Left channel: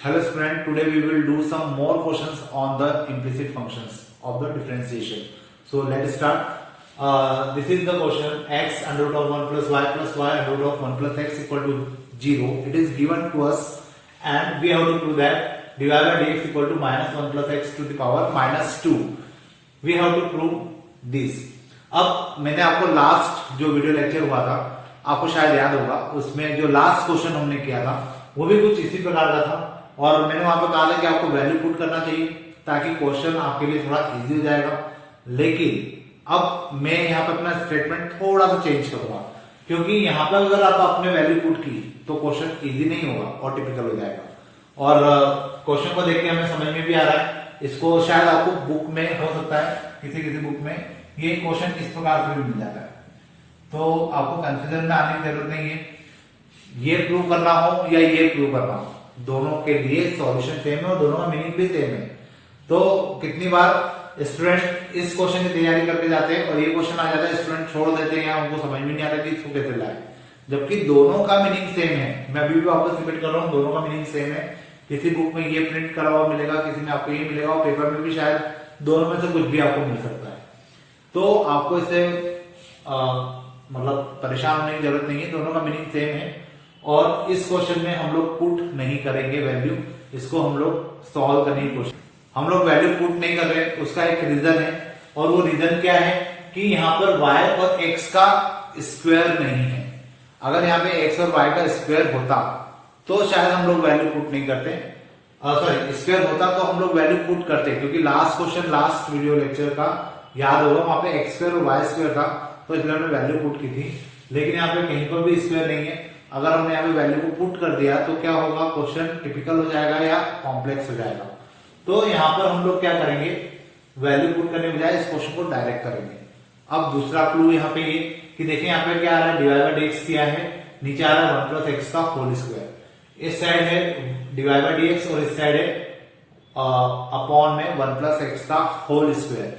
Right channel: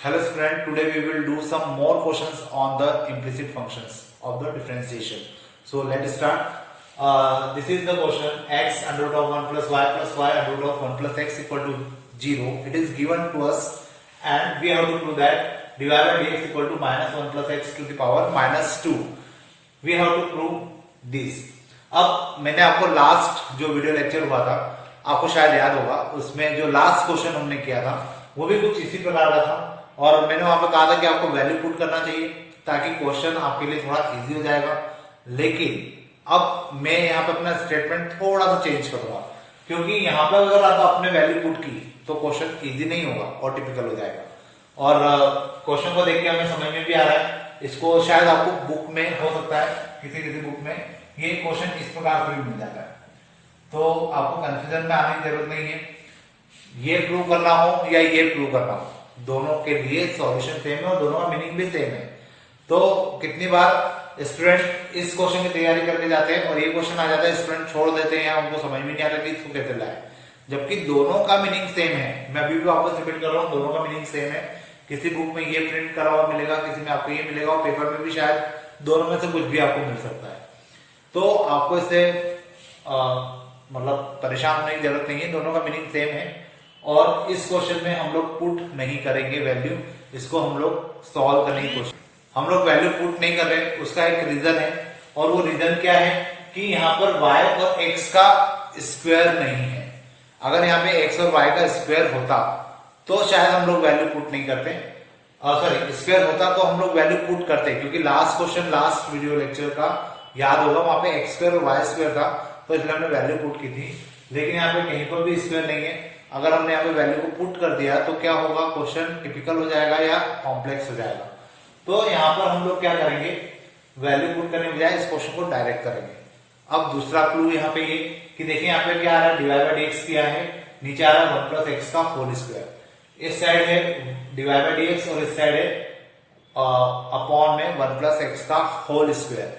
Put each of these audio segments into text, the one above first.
Hello student, today we will do some more questions on the implicit functions of the differentiation. So let's start. This is the question x under root of 1 plus y under root of 1 plus x equal to 0. It is given to us and we have to prove that dy by dx equal to minus 1 plus x to the power minus 2. We have to prove this. अब मैंने आपको last जो video lecture हुआ था आपको शायद याद होगा, उसमें जो लास्ट क्वेश्चन हमने किया था वो भी कुछ इसी प्रकार का था और मैंने वहां पे कहा था कि आपको वैल्यू पुट करना चाहिए ताकि क्वेश्चन आपके लिए थोड़ा इजी हो जाएगा। लेकिन अब मैं यहाँ पे अपना स्टेटमेंट थोड़ा सा चेंज करूंगा क्योंकि यहाँ पे अगर आप आपने वैल्यू पुट की तो क्वेश्चन इजी नहीं होगा और टिपिकल हो जाएगा और क्वेश्चन को देख के हमें समझ में भी आ रहा है। इसको शायद आपको बुक में हो सकता है, किसी किसी बुक में ये क्वेश्चन इस प्रकार से भी मिल जाता है, तो आपको कंफ्यूजन में आने की जरूरत नहीं है। ये प्रूव करना हो या ये प्रूव करना हो, दोनों के लिए सॉल्यूशन सेम है और दोनों का मीनिंग भी सेम है। तो कितनी बार स्टूडेंट इस क्वेश्चन की तैयारी करके जाते हैं और ये क्वेश्चन आ जाता है, स्टूडेंट छोड़ देते हैं, उनको समझ में नहीं आता कि इसको कैसे लाए, जबकि दोनों का मीनिंग सेम है। मैं अभी भी आपको सबमिट कर रहा हूँ, दोनों का मीनिंग सेम है। किसी बुक में ये प्रिंट करा हुआ मिलेगा, किसी में आपको ये मिलेगा और पेपर में भी शायद दोनों में से कुछ भी आपको मिल सकता है। तो आपको इससे मतलब परेशान होने की जरूरत नहीं है, दोनों का मीनिंग सेम है। और इस क्वेश्चन में हम लोग पुट नहीं करेंगे वैल्यू, इसको हम लोग सॉल्व करने की कोशिश, हम लोग वैल्यू पुट नहीं कर रहे। उसका एक रीजन है और वो रीजन क्या है कि यहाँ पर y और x का स्क्वायर नहीं है। अगर यहाँ पे x और y का स्क्वायर होता तो शायद हम लोग वैल्यू पुट नहीं करते, सॉरी स्क्वायर होता तो हम लोग वैल्यू पुट करते, क्योंकि last question last video lecture का याद होगा, वहां पे x स्क्वायर और y स्क्वायर था तो इसलिए हमने वैल्यू पुट की थी। लेकिन यहाँ पे कहीं पर भी स्क्वायर नहीं है। अगर हमने यहाँ पे वैल्यू को पुट कर दिया तो क्या होगा, क्वेश्चन टिपिकल हो जाएगा या कॉम्प्लेक्स हो जाएगा। तो यहाँ पर हम लोग क्या करेंगे, वैल्यू पुट करने के बजाय इस क्वेश्चन को डायरेक्ट करेंगे। अब दूसरा क्लू यहाँ पे ये कि देखिए यहाँ पे क्या आ रहा है, डिवाइड बाय dx किया है, नीचे आ रहा है 1 प्लस एक्स का होल स्क्वायर। इस साइड है डिवाइड बाय dx और इस साइड है अपॉन में 1 प्लस एक्स का होल स्क्वायर।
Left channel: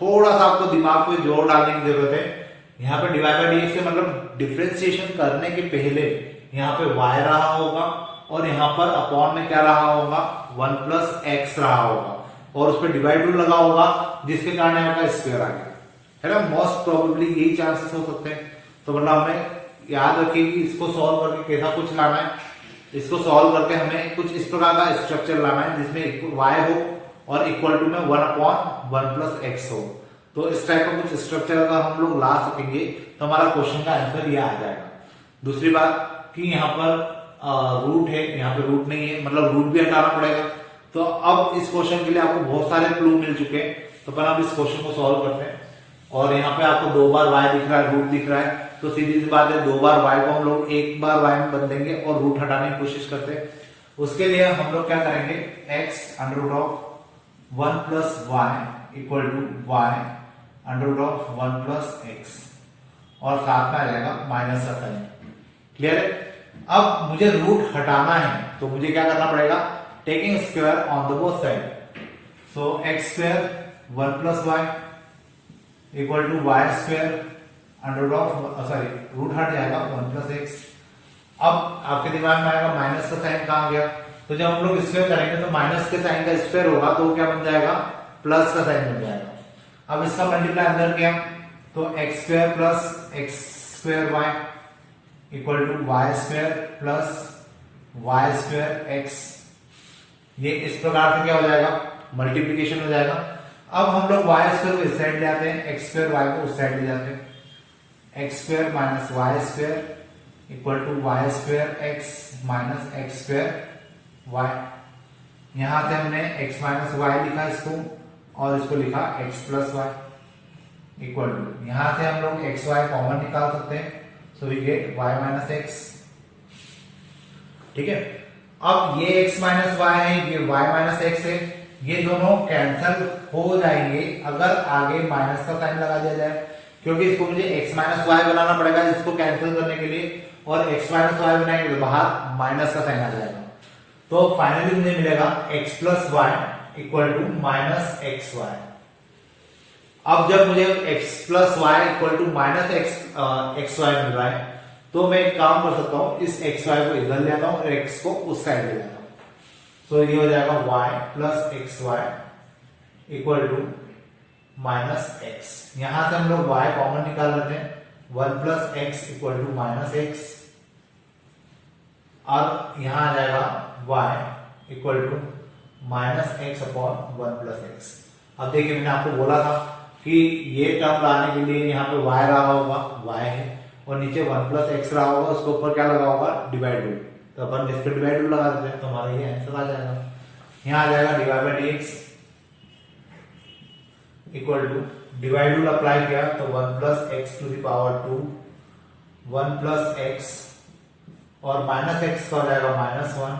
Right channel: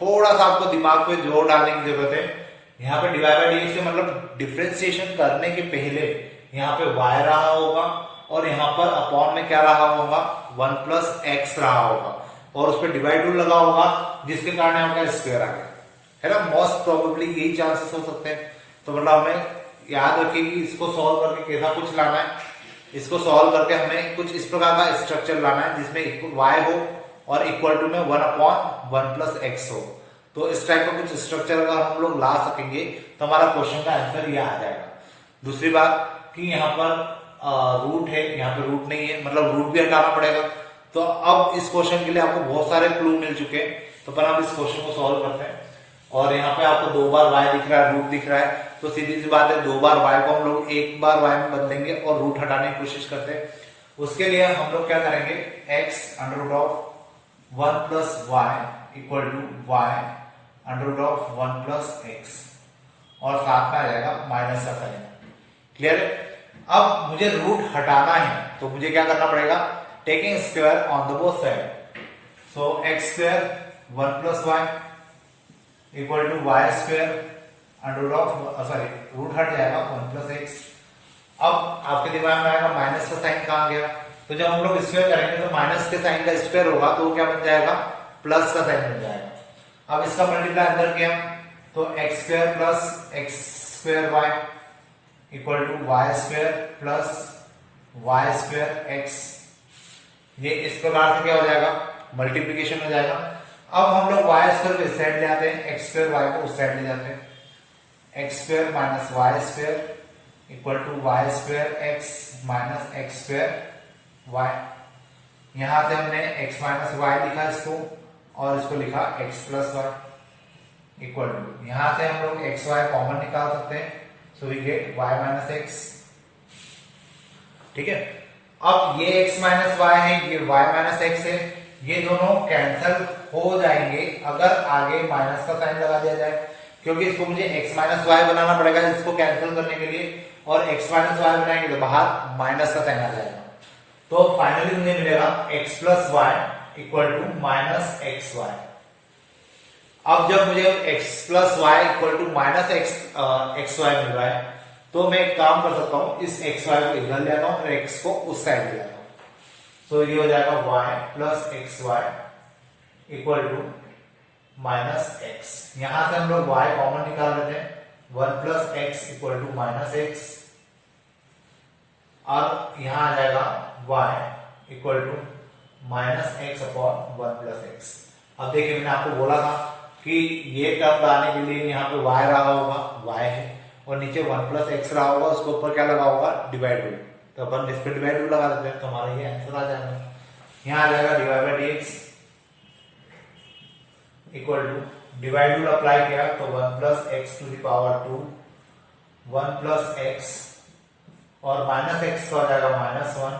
थोड़ा सा आपको दिमाग पे जोर डालने की जरूरत है। यहाँ पे डिवाइड बाय dx से मतलब डिफरेंशिएशन करने के पहले यहाँ पे y रहा होगा और यहाँ पर अपॉन में क्या रहा होगा, 1 प्लस एक्स रहा होगा और उस पर डिवाइड रूल लगा होगा जिसके कारण यहाँ का स्क्वायर आ गया है ना। मोस्ट प्रोबेबली यही चांसेस हो सकते हैं। तो मतलब हमें याद रखिए कि इसको सॉल्व करके कैसा कुछ लाना है, इसको सॉल्व करके हमें कुछ इस प्रकार का स्ट्रक्चर लाना है जिसमें y हो और इक्वल टू में 1 अपॉन 1 प्लस एक्स हो। तो इस टाइप का कुछ स्ट्रक्चर अगर हम लोग ला सकेंगे तो हमारा क्वेश्चन का आंसर यह आ जाएगा। दूसरी बात कि यहाँ पर रूट है, यहाँ पे रूट नहीं है, मतलब रूट भी हटाना पड़ेगा। तो अब इस क्वेश्चन के लिए आपको बहुत सारे क्लू मिल चुके हैं, तो पहले हम इस क्वेश्चन को सॉल्व करते हैं। और यहाँ पे आपको 2 बार y दिख रहा है, रूट दिख रहा है, तो सीधी सी बात है 2 बार y को हम लोग 1 बार y में बदलेंगे और रूट हटाने की कोशिश करते हैं। उसके लिए हम लोग क्या करेंगे, x under root of 1 plus y equal to y under root of 1 plus x और साथ में आ जाएगा माइनस का साइन। क्लियर है। अब मुझे रूट हटाना है तो मुझे क्या करना पड़ेगा, taking square on the both side. So x square 1 plus Y equal to y square under root of, sorry root हट जाएगा 1 प्लस एक्स। अब आपके दिमाग में आएगा माइनस का साइन कहां गया, तो जब हम लोग स्क्वायर करेंगे तो माइनस के साइन का स्क्वायर होगा तो क्या बन जाएगा, प्लस का साइन बन जाएगा। अब इसका मल्टीप्लाई अंदर किया तो x square plus x square y equal to y square plus y square x. ये इस प्रकार से क्या हो जाएगा, मल्टीप्लीकेशन हो जाएगा। अब हम लोग वाई स्क्वायर को इस साइड ले आते हैं, एक्स स्क्वायर वाई को उस साइड ले जाते हैं। X square minus y square equal to y square x minus x square y. यहां से हमने एक्स माइनस वाई लिखा इसको और इसको लिखा x plus Y equal to, यहां से हम लोग एक्स वाई कॉमन निकाल सकते हैं, so we get y minus x. ठीक है। अब ये x माइनस वाई है, ये y माइनस एक्स है, ये दोनों कैंसल हो जाएंगे अगर आगे माइनस का साइन लगा दिया जाए, क्योंकि इसको मुझे x माइनस वाई बनाना पड़ेगा इसको कैंसिल करने के लिए, और x माइनस वाई बनाएंगे तो बाहर माइनस का साइन आ जाएगा। तो फाइनली मुझे मिलेगा x plus Y equal to minus X Y. अब जब मुझे x plus Y equal to minus X Y मिल रहा है तो मैं एक काम कर सकता हूं, इस एक्स वाई को इधर ले आता हूं और x को उस साइड ले आता हूं। तो ये हो जाएगा y plus x y equal to minus x. यहां से हम लोग y कॉमन निकाल लेते हैं, 1 plus x equal to minus x. और यहां आ जाएगा y equal to minus x upon 1 plus x. अब देखिए मैंने आपको बोला था कि ये टर्म लाने के लिए यहाँ पे y रहा होगा, y है, और नीचे 1 प्लस एक्स रहा होगा, उसके ऊपर क्या लगा होगा, डिवाइड रूल। तो अपन इस पे डिवाइड रूल लगा देते हैं, तो हमारा ये आंसर आ जाएगा। यहाँ आ जाएगा divide by dx equal to, divide rule apply किया तो 1 plus x to the power 2, 1 plus x और माइनस एक्स का हो जाएगा minus 1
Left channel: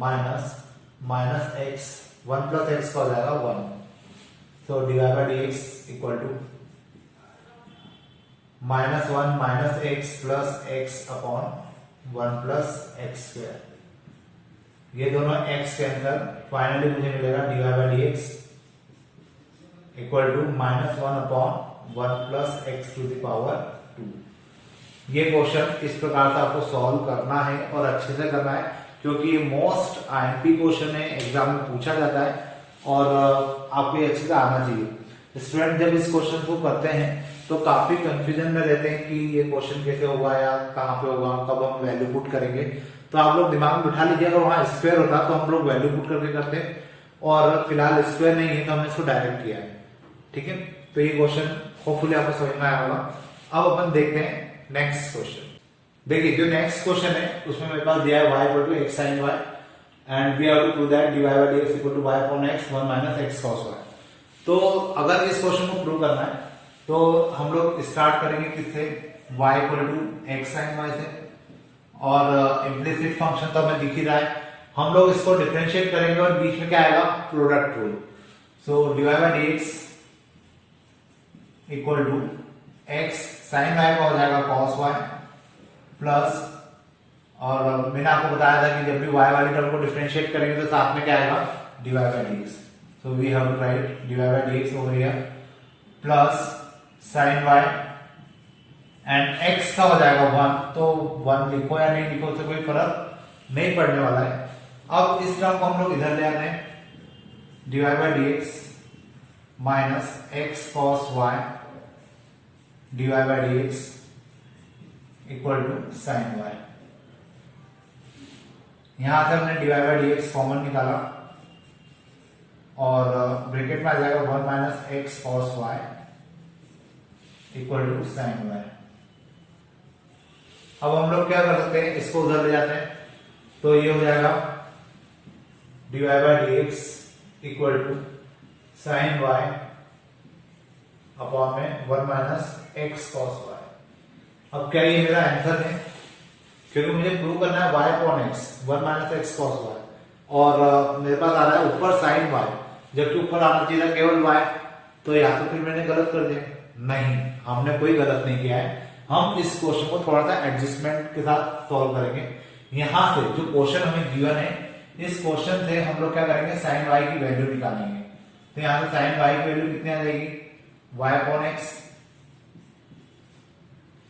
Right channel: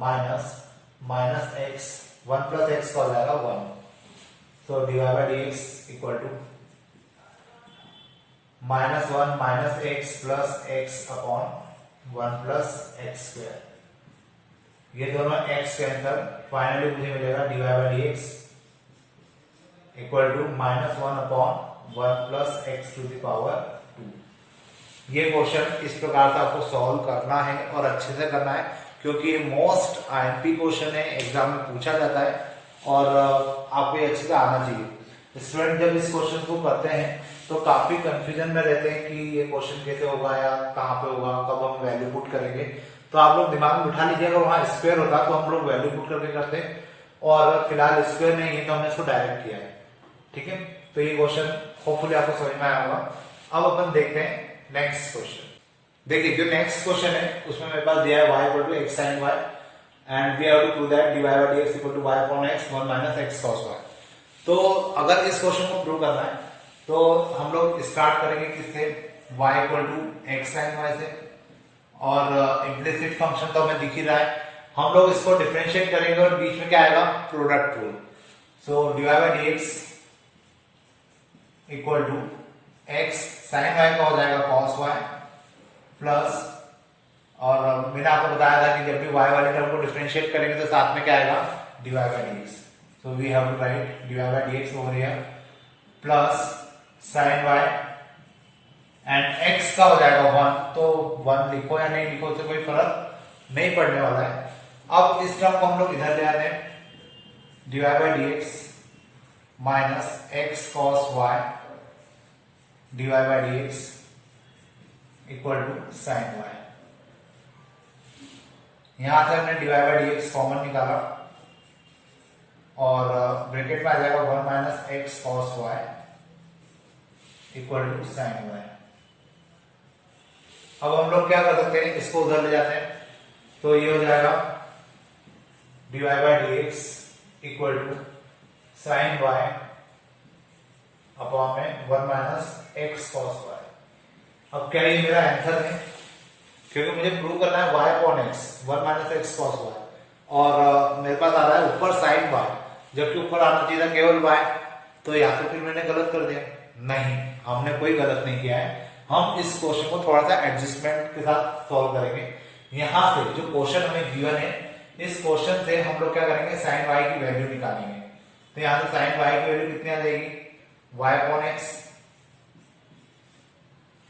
minus minus x, 1 plus x का हो जाएगा 1। तो divide by dx equal to minus 1 minus x plus x upon 1 plus x square. ये दोनों एक्स कैंसल, फाइनली मुझे मिलेगा divide by dx equal to minus 1 upon 1 plus x to the power 2। ये question इस प्रकार से आपको सॉल्व करना है और अच्छे से करना है, क्योंकि ये मोस्ट आईएमपी क्वेश्चन है, एग्जाम में पूछा जाता है और आपको ये अच्छे से आना चाहिए। स्टूडेंट जब इस क्वेश्चन को करते हैं तो काफी कंफ्यूजन में रहते हैं कि ये क्वेश्चन कैसे होगा या कहाँ पे होगा, कब हम वैल्यू पुट करेंगे। तो आप लोग दिमाग में बिठा लीजिए, अगर वहां स्क्वायर होता तो हम लोग वैल्यू पुट करके करते हैं, और फिलहाल स्क्वायर नहीं है तो हमने इसको डायरेक्ट किया है। ठीक है, तो ये क्वेश्चन होपफुली आपको समझ में आया होगा। अब अपन देखते हैं नेक्स्ट क्वेश्चन। देखिए जो नेक्स्ट क्वेश्चन है उसमें मेरे पास दिया है y equal to x sine y and we have to prove that divide by dx equal to y upon x 1 minus x cos y। तो अगर इस क्वेश्चन को प्रूव करना है तो हम लोग स्टार्ट करेंगे किससे, y equal to x sine y से, और इम्प्लिसिट फंक्शन तो हमें दिख ही रहा है। हम लोग इसको डिफरेंशिएट करेंगे और बीच में क्या आएगा, product rule. So divide by dx equal to x sine y का हो जाएगा कॉस वाई प्लस, और मैंने आपको बताया था कि जब भी y वाले टर्म को डिफरेंशिएट करेंगे तो साथ में क्या आएगा, divide by dx। So we have to write divide by dx over here plus sine y and x का हो जाएगा 1। तो 1 लिखो या नहीं लिखो उससे कोई फर्क नहीं पड़ने वाला है। अब इस टर्म को हम लोग इधर ले आते हैं, divide by dx minus x cos y divide by dx equal to sine y। यहां से हमने डिवाइड बाय dx कॉमन निकाला और ब्रैकेट में आ जाएगा 1 minus x cos y equal to sine y। अब हम लोग क्या कर सकते हैं, इसको उधर ले जाते हैं, तो ये हो जाएगा divide by dx equal to sine y upon में 1 माइनस एक्स cos y। अब क्या ये मेरा आंसर है, क्योंकि मुझे प्रूव करना है y upon x 1 minus x cos y, और मेरे पास आ रहा है ऊपर साइन y, जबकि ऊपर आना चाहिए था केवल y। तो यहाँ तो फिर मैंने गलत कर दिया। नहीं, हमने कोई गलत नहीं किया है। हम इस क्वेश्चन को थोड़ा सा एडजस्टमेंट के साथ सॉल्व करेंगे। यहाँ से जो क्वेश्चन हमें गिवन है, इस क्वेश्चन से हम लोग क्या करेंगे, साइन y की वैल्यू निकालेंगे। तो यहाँ से साइन y की वैल्यू कितनी आ जाएगी, y अपॉन एक्स,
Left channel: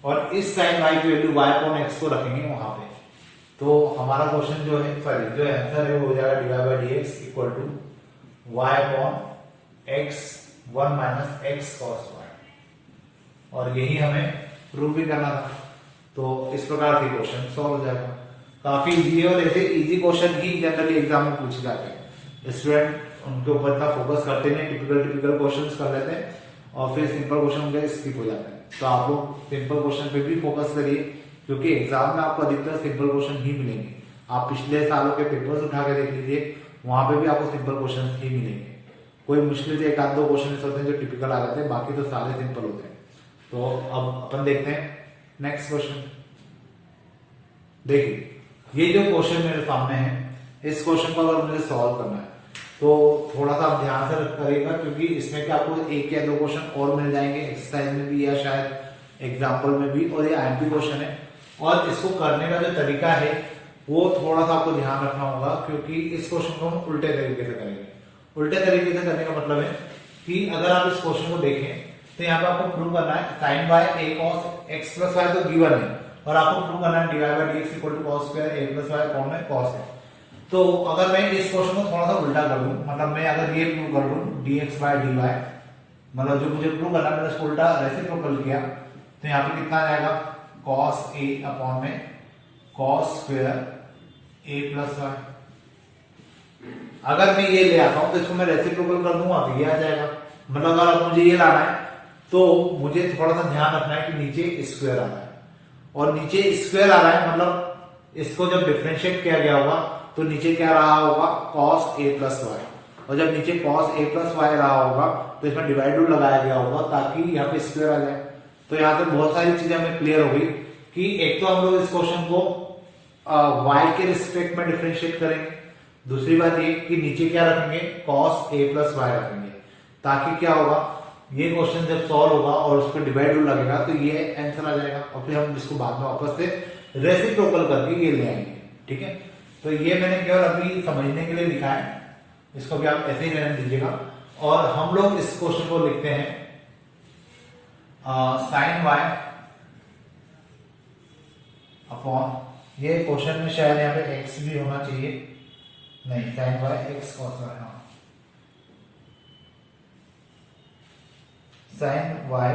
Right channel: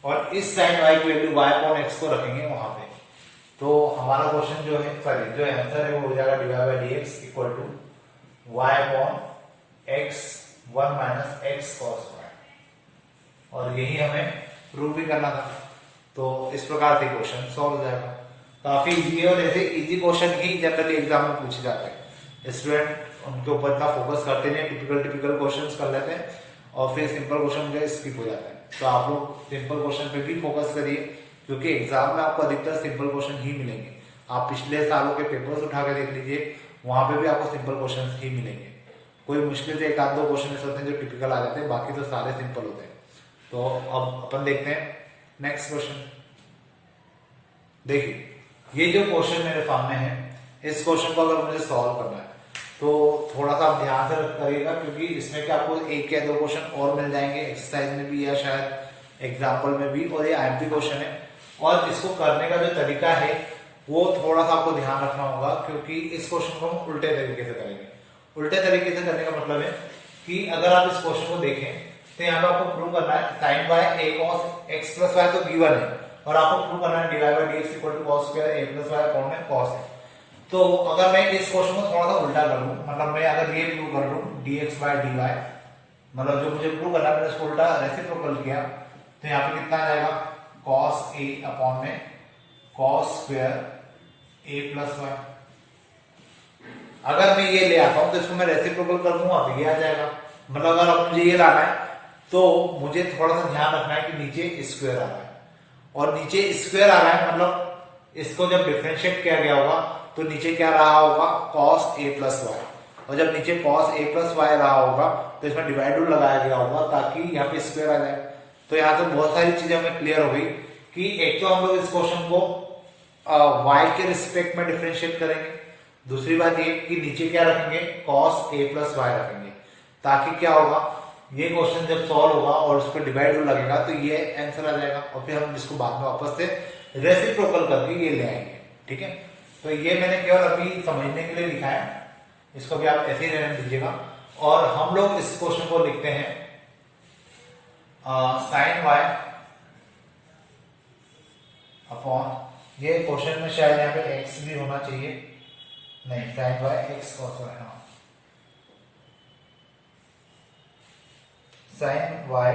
और इस साइन y की वैल्यू y अपॉन एक्स को रखेंगे वहां पे। तो हमारा क्वेश्चन जो है, सॉरी जो आंसर है वो हो जाएगा divide by dx equal to y upon x 1 minus x cos y, और यही हमें प्रूव भी करना था। तो इस प्रकार से क्वेश्चन सॉल्व हो जाएगा। काफी इजी है, और ऐसे इजी क्वेश्चन ही जनरली एग्जाम में पूछे जाते हैं। स्टूडेंट उनके ऊपर इतना फोकस करते नहीं, टिपिकल क्वेश्चंस कर लेते हैं और फिर सिंपल क्वेश्चन उनके स्किप हो जाते हैं। तो आप लोग सिंपल क्वेश्चन पे भी फोकस करिए, क्योंकि एग्जाम में आपको अधिकतर सिंपल क्वेश्चन ही मिलेंगे। आप पिछले सालों के पेपर्स उठा के देख लीजिए, वहां पे भी आपको सिंपल क्वेश्चन ही मिलेंगे। कोई मुश्किल से एक आध दो क्वेश्चन ऐसे होते हैं जो टिपिकल आ जाते हैं, बाकी तो सारे सिंपल होते हैं। तो अब अपन देखते हैं नेक्स्ट क्वेश्चन। देखिए ये जो क्वेश्चन मेरे सामने है, इस क्वेश्चन को अगर मुझे सॉल्व करना है तो थोड़ा सा आप ध्यान से करिएगा, क्योंकि इसमें क्या आपको एक या दो क्वेश्चन और मिल जाएंगे, एक्सरसाइज में भी या शायद एग्जाम्पल में भी, और ये आईएमपी क्वेश्चन है। और इसको करने का जो तरीका है वो थोड़ा सा आपको ध्यान रखना होगा, क्योंकि इस क्वेश्चन को हम उल्टे तरीके से करेंगे। उल्टे तरीके से करने का मतलब है कि अगर आप इस क्वेश्चन को देखें तो यहाँ पे आपको प्रूव करना है sine by a cos x plus y तो गिवन है, और आपको प्रूव करना है divide by dx equal to cos square a plus y upon में कॉस है। तो अगर मैं इस क्वेश्चन को थोड़ा सा उल्टा कर लूं, मतलब मैं अगर ये प्रूव कर लूं dx बाय dy, मतलब जो मुझे प्रूव करना है मैंने उसको उल्टा रेसिप्रोकल किया, तो यहाँ पे कितना आ जाएगा cos a अपॉन में cos square a plus y. अगर मैं ये ले आता हूं तो इसको मैं रेसिप्रोकल कर दूंगा तो ये आ जाएगा। मतलब अगर अब मुझे ये लाना है तो मुझे थोड़ा सा ध्यान रखना है कि नीचे स्क्वायर आ रहा है, और नीचे स्क्वायर आ रहा है मतलब इसको जब डिफरेंशिएट किया गया होगा तो नीचे क्या रहा होगा cos a प्लस वाई, और जब नीचे cos a प्लस वाई रहा होगा तो इसमें डिवाइड रूल लगाया गया होगा ताकि यहाँ पे स्क्वायर आ जाए। तो यहाँ से बहुत सारी चीजें हमें क्लियर हो गई कि एक तो हम लोग इस क्वेश्चन को y के रिस्पेक्ट में डिफरेंशिएट करेंगे, दूसरी बात ये कि नीचे क्या रखेंगे cos a प्लस वाई रखेंगे, ताकि क्या होगा ये क्वेश्चन जब सॉल्व होगा और उस पर डिवाइड रूल लगेगा तो ये आंसर आ जाएगा, और फिर हम इसको बाद में वापस से रेसिप्रोकल करके ये ले आएंगे। ठीक है, तो ये मैंने केवल अभी समझने के लिए लिखा है, इसको भी आप ऐसे ही रहने दीजिएगा। और हम लोग इस क्वेश्चन को लिखते हैं साइन वाई अपॉन, ये क्वेश्चन में शायद यहाँ पे एक्स भी होना चाहिए, नहीं sine y x cos y, हाँ साइन वाई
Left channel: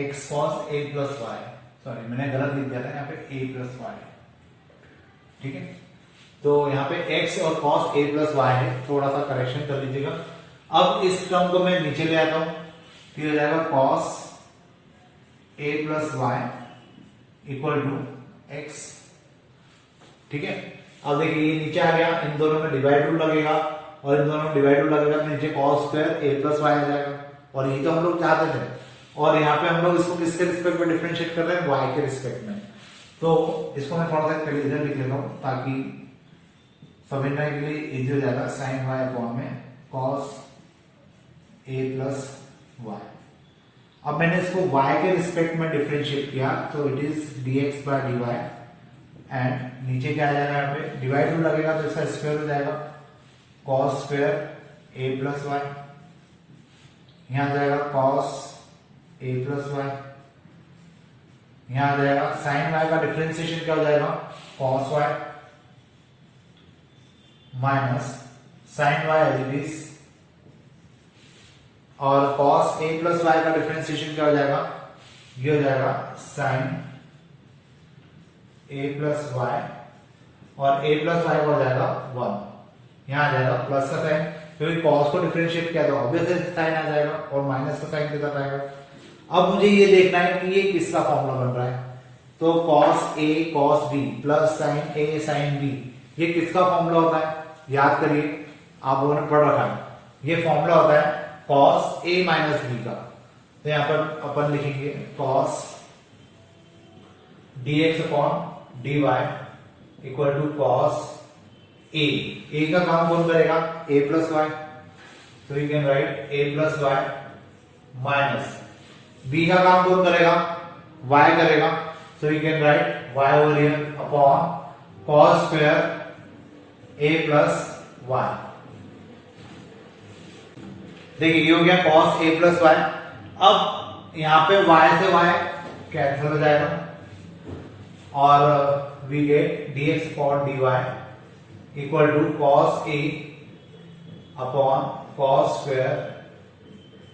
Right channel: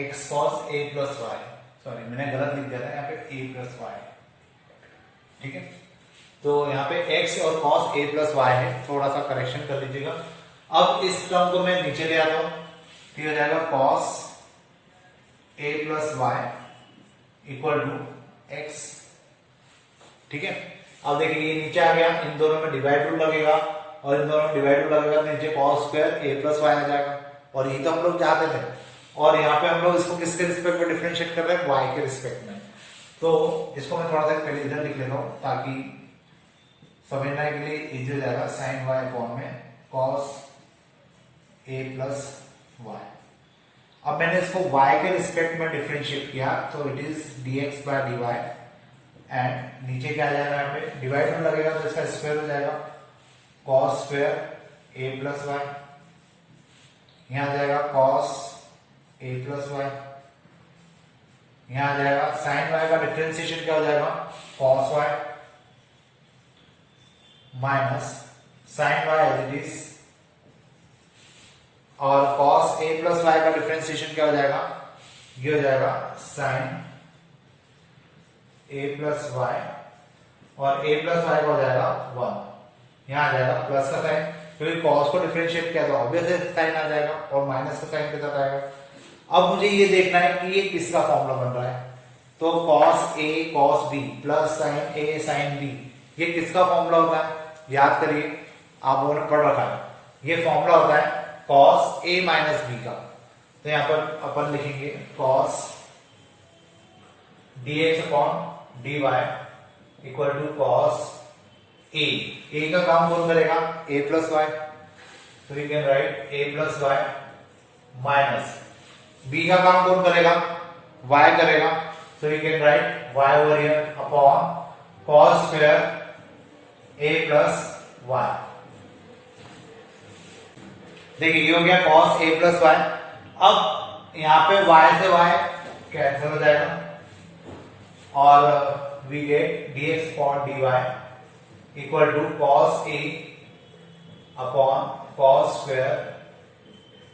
एक्स कॉस ए प्लस वाई, सॉरी मैंने गलत लिख दिया था यहाँ पे ए प्लस वाई। ठीक है, तो यहाँ पे x और cos a प्लस वाई है, थोड़ा सा करेक्शन कर लीजिएगा। अब इस टर्म को मैं नीचे ले आता हूं तो हो जाएगा cos a plus Y equal to x। ठीक है, अब देखिए ये नीचे आ गया, इन दोनों में डिवाइड रूल लगेगा और इन दोनों में डिवाइड रूल लगेगा तो नीचे cos square a plus Y आ जाएगा, और ये तो हम लोग चाहते थे। और यहाँ पे हम लोग इसको किसके रिस्पेक्ट में डिफरेंशिएट कर रहे हैं y के रिस्पेक्ट में, तो इसको मैं थोड़ा सा पहले इधर लिख लेता हूं ताकि समझने के लिए इजी हो जाएगा। साइन वाई अपॉन में cos a प्लस वाई। अब मैंने इसको y के रिस्पेक्ट में डिफरेंशिएट किया तो it is dx by dy, and नीचे क्या आ जाएगा यहाँ पे डिवाइड रूल लगेगा तो इसका स्क्वायर हो जाएगा cos square a plus y, यहां आ जाएगा cos a प्लस वाई, यहां आ जाएगा साइन वाई का डिफरेंशिएशन क्या हो जाएगा cos y minus sine y as it is, और cos a प्लस वाई का डिफरेंशिएशन क्या हो जाएगा, ये हो जाएगा साइन a प्लस वाई, और a प्लस वाई का हो जाएगा 1, यहां आ जाएगा प्लस का साइन, क्योंकि cos को डिफरेंशिएट किया तो ऑब्वियसली साइन आ जाएगा और माइनस का साइन कितना आएगा। अब मुझे ये देखना है कि ये किसका फॉर्मूला बन रहा है, तो cos a cos b plus sine a sine b, ये किसका फॉर्मूला होता है याद करिए, आप लोगों ने पढ़ रखा है, ये फॉर्मूला होता है cos a माइनस b का। तो यहां पर अपन लिखेंगे cos dx upon dy equal to cos a का काम कौन करेगा a प्लस वाई, तो you can write a plus y, minus b का काम कौन करेगा y करेगा, so you can write y over here upon cos square a plus y। देखिए ये हो गया cos a plus y। अब यहां पे y से y कैंसिल हो जाएगा और we get dx upon dy equal to cos a upon cos square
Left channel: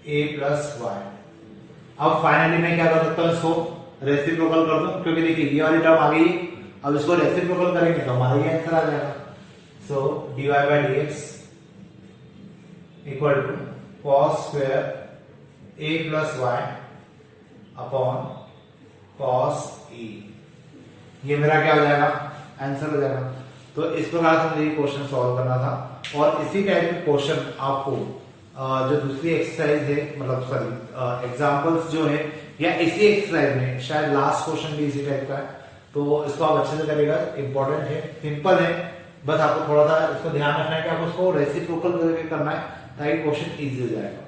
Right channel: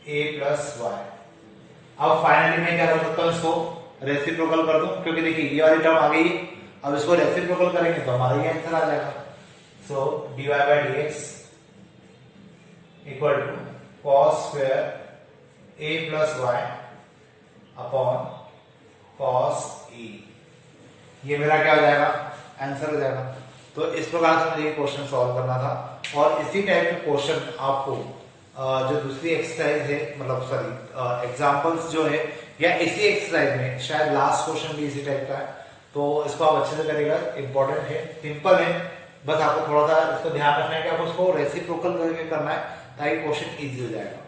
a plus y। अब फाइनली मैं क्या कर सकता हूं, इसको रेसिप्रोकल कर दूं, क्योंकि देखिए ये वाली टर्म आ गई, अब इसको रेसिप्रोकल करेंगे तो हमारा ये आंसर आ जाएगा। So dy by dx equal to cos square a plus y upon cos a, ये मेरा क्या हो जाएगा आंसर हो जाएगा। तो इस प्रकार से मुझे क्वेश्चन सॉल्व करना था, और इसी टाइप के क्वेश्चन आपको जो दूसरी एक्सरसाइज है, मतलब सॉरी एग्जांपल्स जो है, या इसी एक्सरसाइज में शायद लास्ट क्वेश्चन भी इसी टाइप का है, तो इसको आप अच्छे से करिएगा। इंपॉर्टेंट है, सिंपल है, बस आपको थोड़ा सा इसको ध्यान रखना है कि आपको इसको रेसिप्रोकल करके करना है ताकि क्वेश्चन इजी हो जाएगा।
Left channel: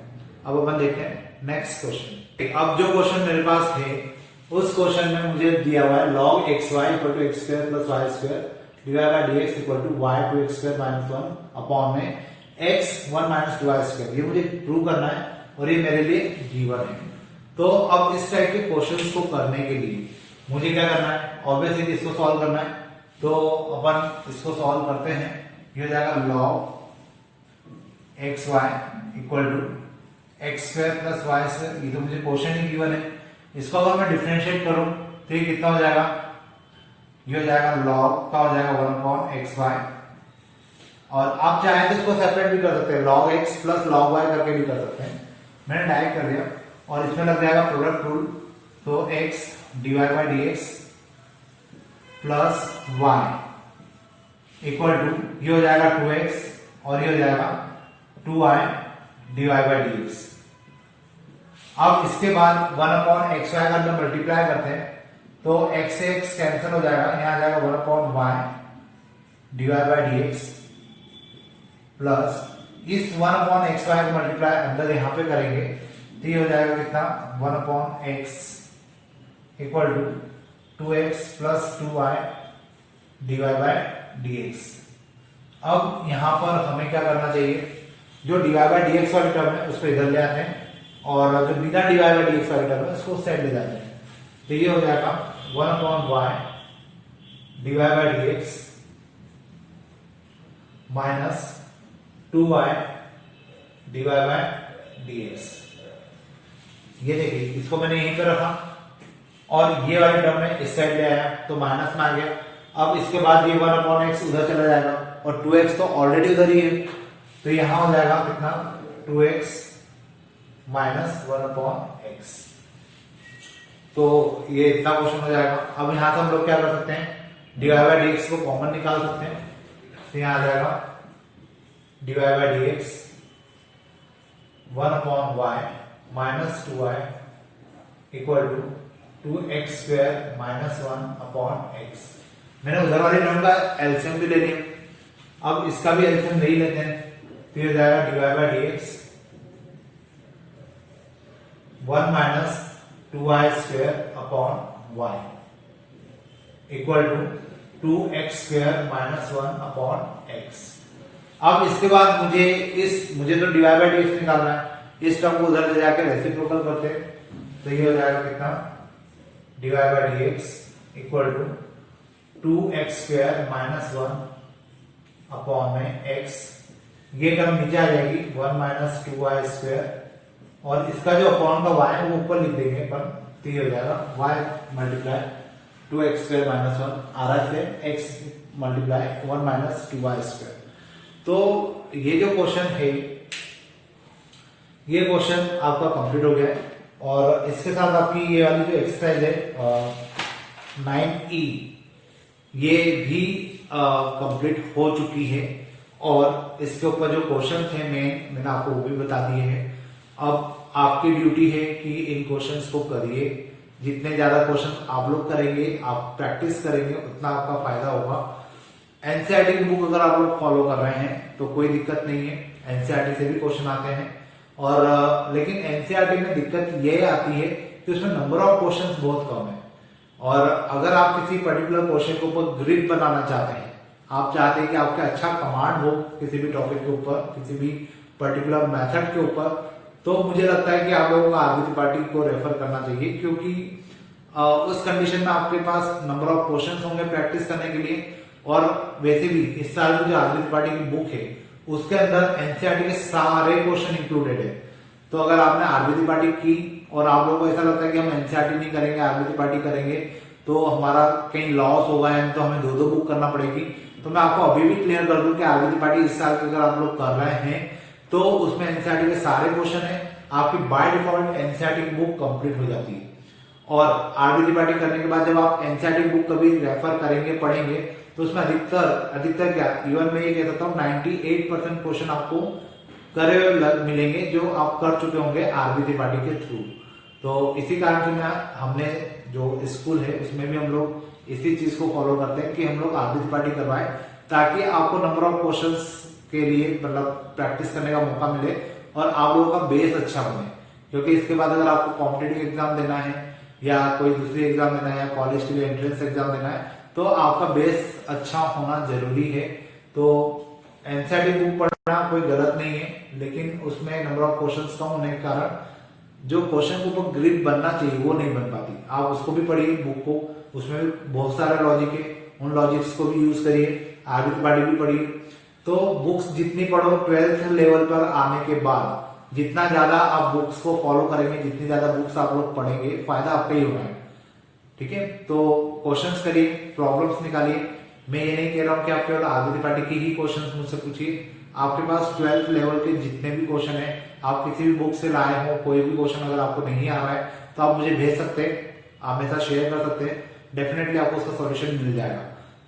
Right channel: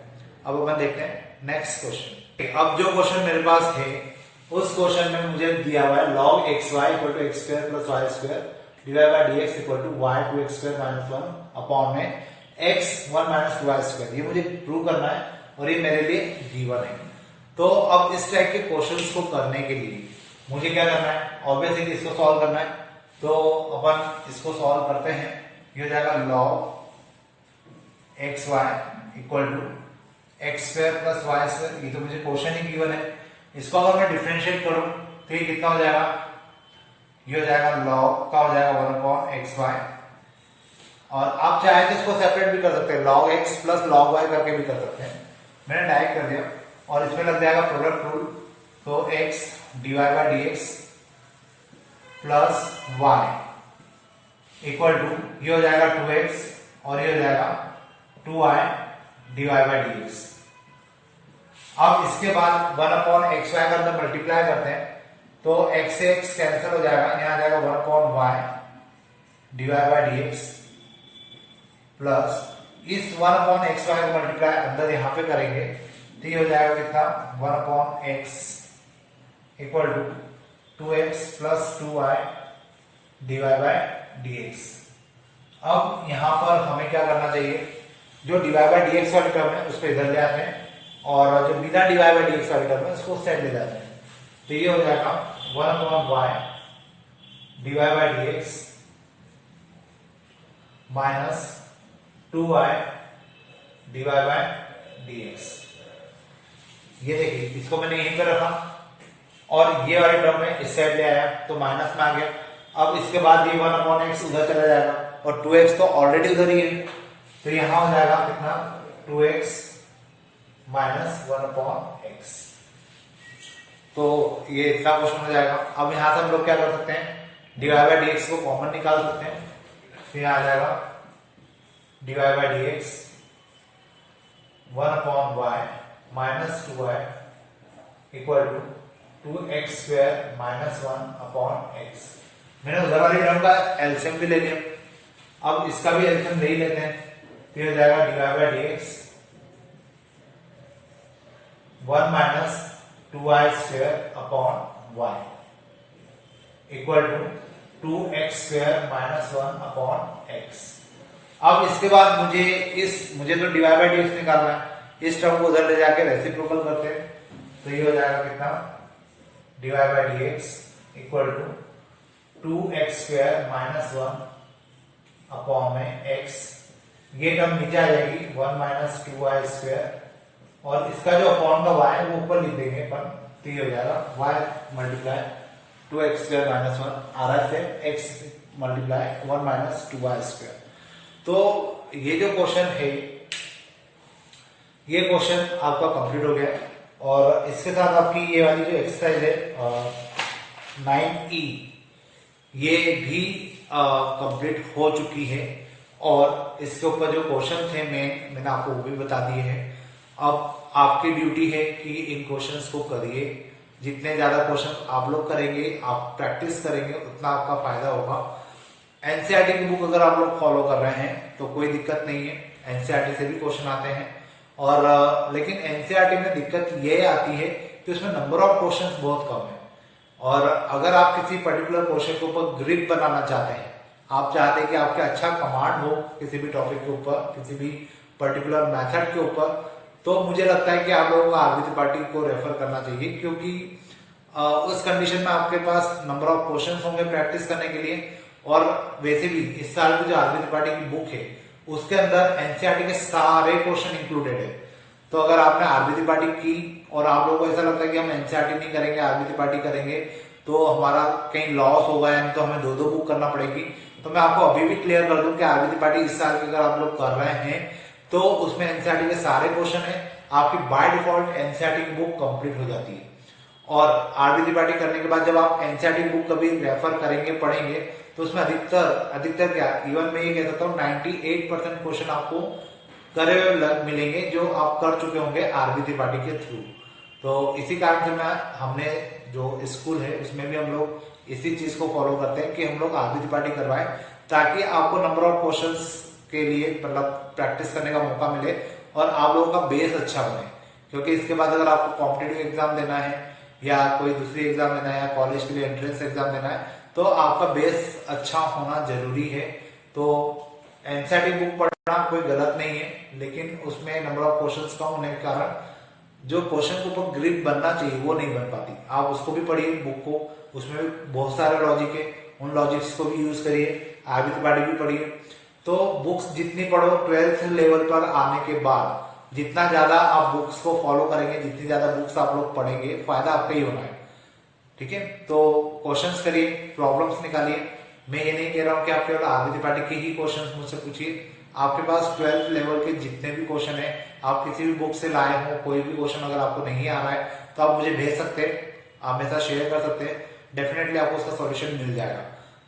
अब अपन देखते हैं नेक्स्ट क्वेश्चन। अब जो क्वेश्चन मेरे पास है उस क्वेश्चन में मुझे दिया हुआ है log xy equal to x square plus y square divide by dx equal to y to x square minus 1 upon में x 1 माइनस 2y स्क्वायर। ये मुझे प्रूव करना है और ये मेरे लिए गिवन है। तो अब इस टाइप के क्वेश्चंस को करने के लिए मुझे क्या करना है, ऑब्वियसली इसको सॉल्व करना है। तो अपन इसको सॉल्व करते हैं। ये हो जाएगा log x y equal to x square plus y square. ये तो मुझे क्वेश्चन ही गिवन है। इसको अगर मैं डिफरेंशिएट करूं तो ये कितना हो जाएगा, ये हो जाएगा log का हो जाएगा 1/xy। और आप चाहे तो इसको सेपरेट भी कर सकते हैं, log x plus log y करके भी कर सकते हैं। मैंने डायरेक्ट कर दिया और इसमें लग जाएगा प्रोडक्ट रूल, तो x divide by d x plus Y equal to ये हो जाएगा 2x और ये हो जाएगा 2y divide by d x. अब इसके बाद 1/xy का अंदर मल्टीप्लाई करते हैं तो x से x कैंसिल हो जाएगा, यहां आ जाएगा 1/y divide by d x plus इस 1/xy को मल्टीप्लाई अंदर यहां पे करेंगे तो ये हो जाएगा कितना 1/x equal to 2x plus 2y divide by d x. अब यहां पर हमें क्या करना चाहिए, जो डिवाइड बाई डी एक्स वाली टर्म है उसको इधर ले आते हैं और जो बिना डिवाइड बाई डी एक्स वाली टर्म है उसको उस साइड ले जाते हैं। तो ये हो जाएगा 1/y divide by d x minus 2y divide by d x. ये देखिए इसको मैंने यहीं पर रखा और ये वाले टर्म में इस साइड ले आया तो माइनस में आ गया। अब इसके बाद ये 1/x उधर चला जाएगा और 2x तो ऑलरेडी उधर ही है, तो यहां हो जाएगा कितना 2x माइनस 1/x। तो ये इतना क्वेश्चन हो जाएगा। अब यहां से हम लोग क्या कर सकते हैं, डिवाइड बाई डी एक्स को कॉमन निकाल सकते हैं। तो यहां आ जाएगा divide by d x 1/y minus 2y equal to 2x square minus 1/x। मैंने उधर वाली टर्म का एलसीएम भी ले लिया, अब इसका भी एलसीएम ले ही लेते हैं। फिर हो जाएगा divide by d x 1 minus 2y square upon y equal to 2x square minus 1/x। अब इसके बाद मुझे तो डिवाइड बाई डी एक्स निकालना है, इस टर्म को उधर ले जाकर रेसिप्रोकल करते हैं तो ये हो जाएगा कितना divide by d x equal to 2x square minus 1/x। ये टर्म नीचे आ जाएगी 1 माइनस 2y स्क्वायर और इसका जो अपॉन का y है वो ऊपर लिख देंगे अपन, तो ये हो जाएगा y multiply 2x square minus 1 आ रहा है x multiply 1 minus 2y square. तो ये जो क्वेश्चन है ये क्वेश्चन आपका कंप्लीट हो गया और इसके साथ आपकी ये वाली जो एक्सरसाइज है 9E ये भी कंप्लीट हो चुकी है और इसके ऊपर जो क्वेश्चन थे मैंने आपको वो भी बता दिए हैं। अब आपकी ड्यूटी है कि इन क्वेश्चंस को करिए, जितने ज्यादा क्वेश्चन आप लोग करेंगे, आप प्रैक्टिस करेंगे, उतना आपका फायदा होगा। एनसीईआरटी की बुक अगर आप लोग फॉलो कर रहे हैं तो कोई दिक्कत नहीं है, एनसीईआरटी से भी क्वेश्चन आते हैं और लेकिन एनसीईआरटी में दिक्कत ये आती है कि उसमें नंबर ऑफ क्वेश्चंस बहुत कम है और अगर आप किसी पर्टिकुलर क्वेश्चन के ऊपर ग्रिप बनाना चाहते हैं, आप चाहते हैं कि आपके अच्छा कमांड हो किसी भी टॉपिक के ऊपर, किसी भी पर्टिकुलर मेथड के ऊपर, तो मुझे लगता है कि आप लोगों को आरबी त्रिपाठी को रेफर करना चाहिए क्योंकि उस कंडीशन में आपके पास नंबर ऑफ क्वेश्चंस होंगे प्रैक्टिस करने के लिए। और वैसे भी इस साल की जो आरबी त्रिपाठी की बुक है उसके अंदर एनसीईआरटी के सारे क्वेश्चन इंक्लूडेड है। तो अगर आपने आरबी त्रिपाठी की और आप लोगों को ऐसा लगता है कि हम एनसीईआरटी नहीं करेंगे, आरबी त्रिपाठी करेंगे तो हमारा कहीं लॉस होगा यानी तो हमें दो बुक करना पड़ेगी, तो मैं आपको अभी भी क्लियर कर दूं कि आरबी त्रिपाठी इस साल के अगर आप लोग कर रहे हैं तो उसमें एनसीईआरटी के सारे क्वेश्चन है, आपकी बाय डिफॉल्ट एनसीईआरटी की बुक कंप्लीट हो जाती है। और आरबी त्रिपाठी करने के बाद जब आप एनसीईआरटी की बुक कभी रेफर करेंगे, पढ़ेंगे, तो उसमें अधिकतर क्या, इवन मैं ये कह सकता हूँ 98% क्वेश्चन आपको करे मिलेंगे जो आप कर चुके होंगे आरबी त्रिपाठी के थ्रू। तो इसी कारण से हमने जो स्कूल है उसमें भी हम लोग इसी चीज को फॉलो करते हैं कि हम लोग आरबी त्रिपाठी करवाएं ताकि आपको नंबर ऑफ क्वेश्चंस के लिए मतलब प्रैक्टिस करने का मौका मिले और आप लोगों का बेस अच्छा बने। क्योंकि इसके बाद अगर आपको कॉम्पिटेटिव एग्जाम देना है या कोई दूसरी एग्जाम देना है या कॉलेज के लिए एंट्रेंस एग्जाम देना है तो आपका बेस अच्छा होना जरूरी है। तो एनसीईआरटी बुक पढ़ना कोई गलत नहीं है, लेकिन उसमें नंबर ऑफ क्वेश्चंस कम होने के कारण जो क्वेश्चन के ऊपर ग्रिप बनना चाहिए वो नहीं बन पाती। आप उसको भी पढ़िए बुक को, उसमें भी बहुत सारे लॉजिक है, उन लॉजिक्स को भी यूज करिए, आरबी त्रिपाठी भी पढ़िए। तो तो बुक्स जितनी पढ़ो 12th लेवल पर आने के बाद, जितना ज्यादा आप बुक्स को फॉलो करेंगे, जितनी ज्यादा बुक्स आप लोग पढ़ेंगे, फायदा आपका ही होना है। ठीक है, तो क्वेश्चंस करिए, प्रॉब्लम्स निकालिए। मैं ये नहीं कह रहा हूं कि आप केवल आगे पार्टी के ही क्वेश्चंस मुझसे पूछिए। आपके पास 12th लेवल के जितने भी क्वेश्चन है, आप किसी भी बुक से लाए हो, कोई भी क्वेश्चन अगर आपको नहीं आ रहा है तो आप मुझे भेज सकते हैं, आप मेरे साथ शेयर कर सकते हैं, डेफिनेटली आपको उसका सॉल्यूशन मिल जाएगा।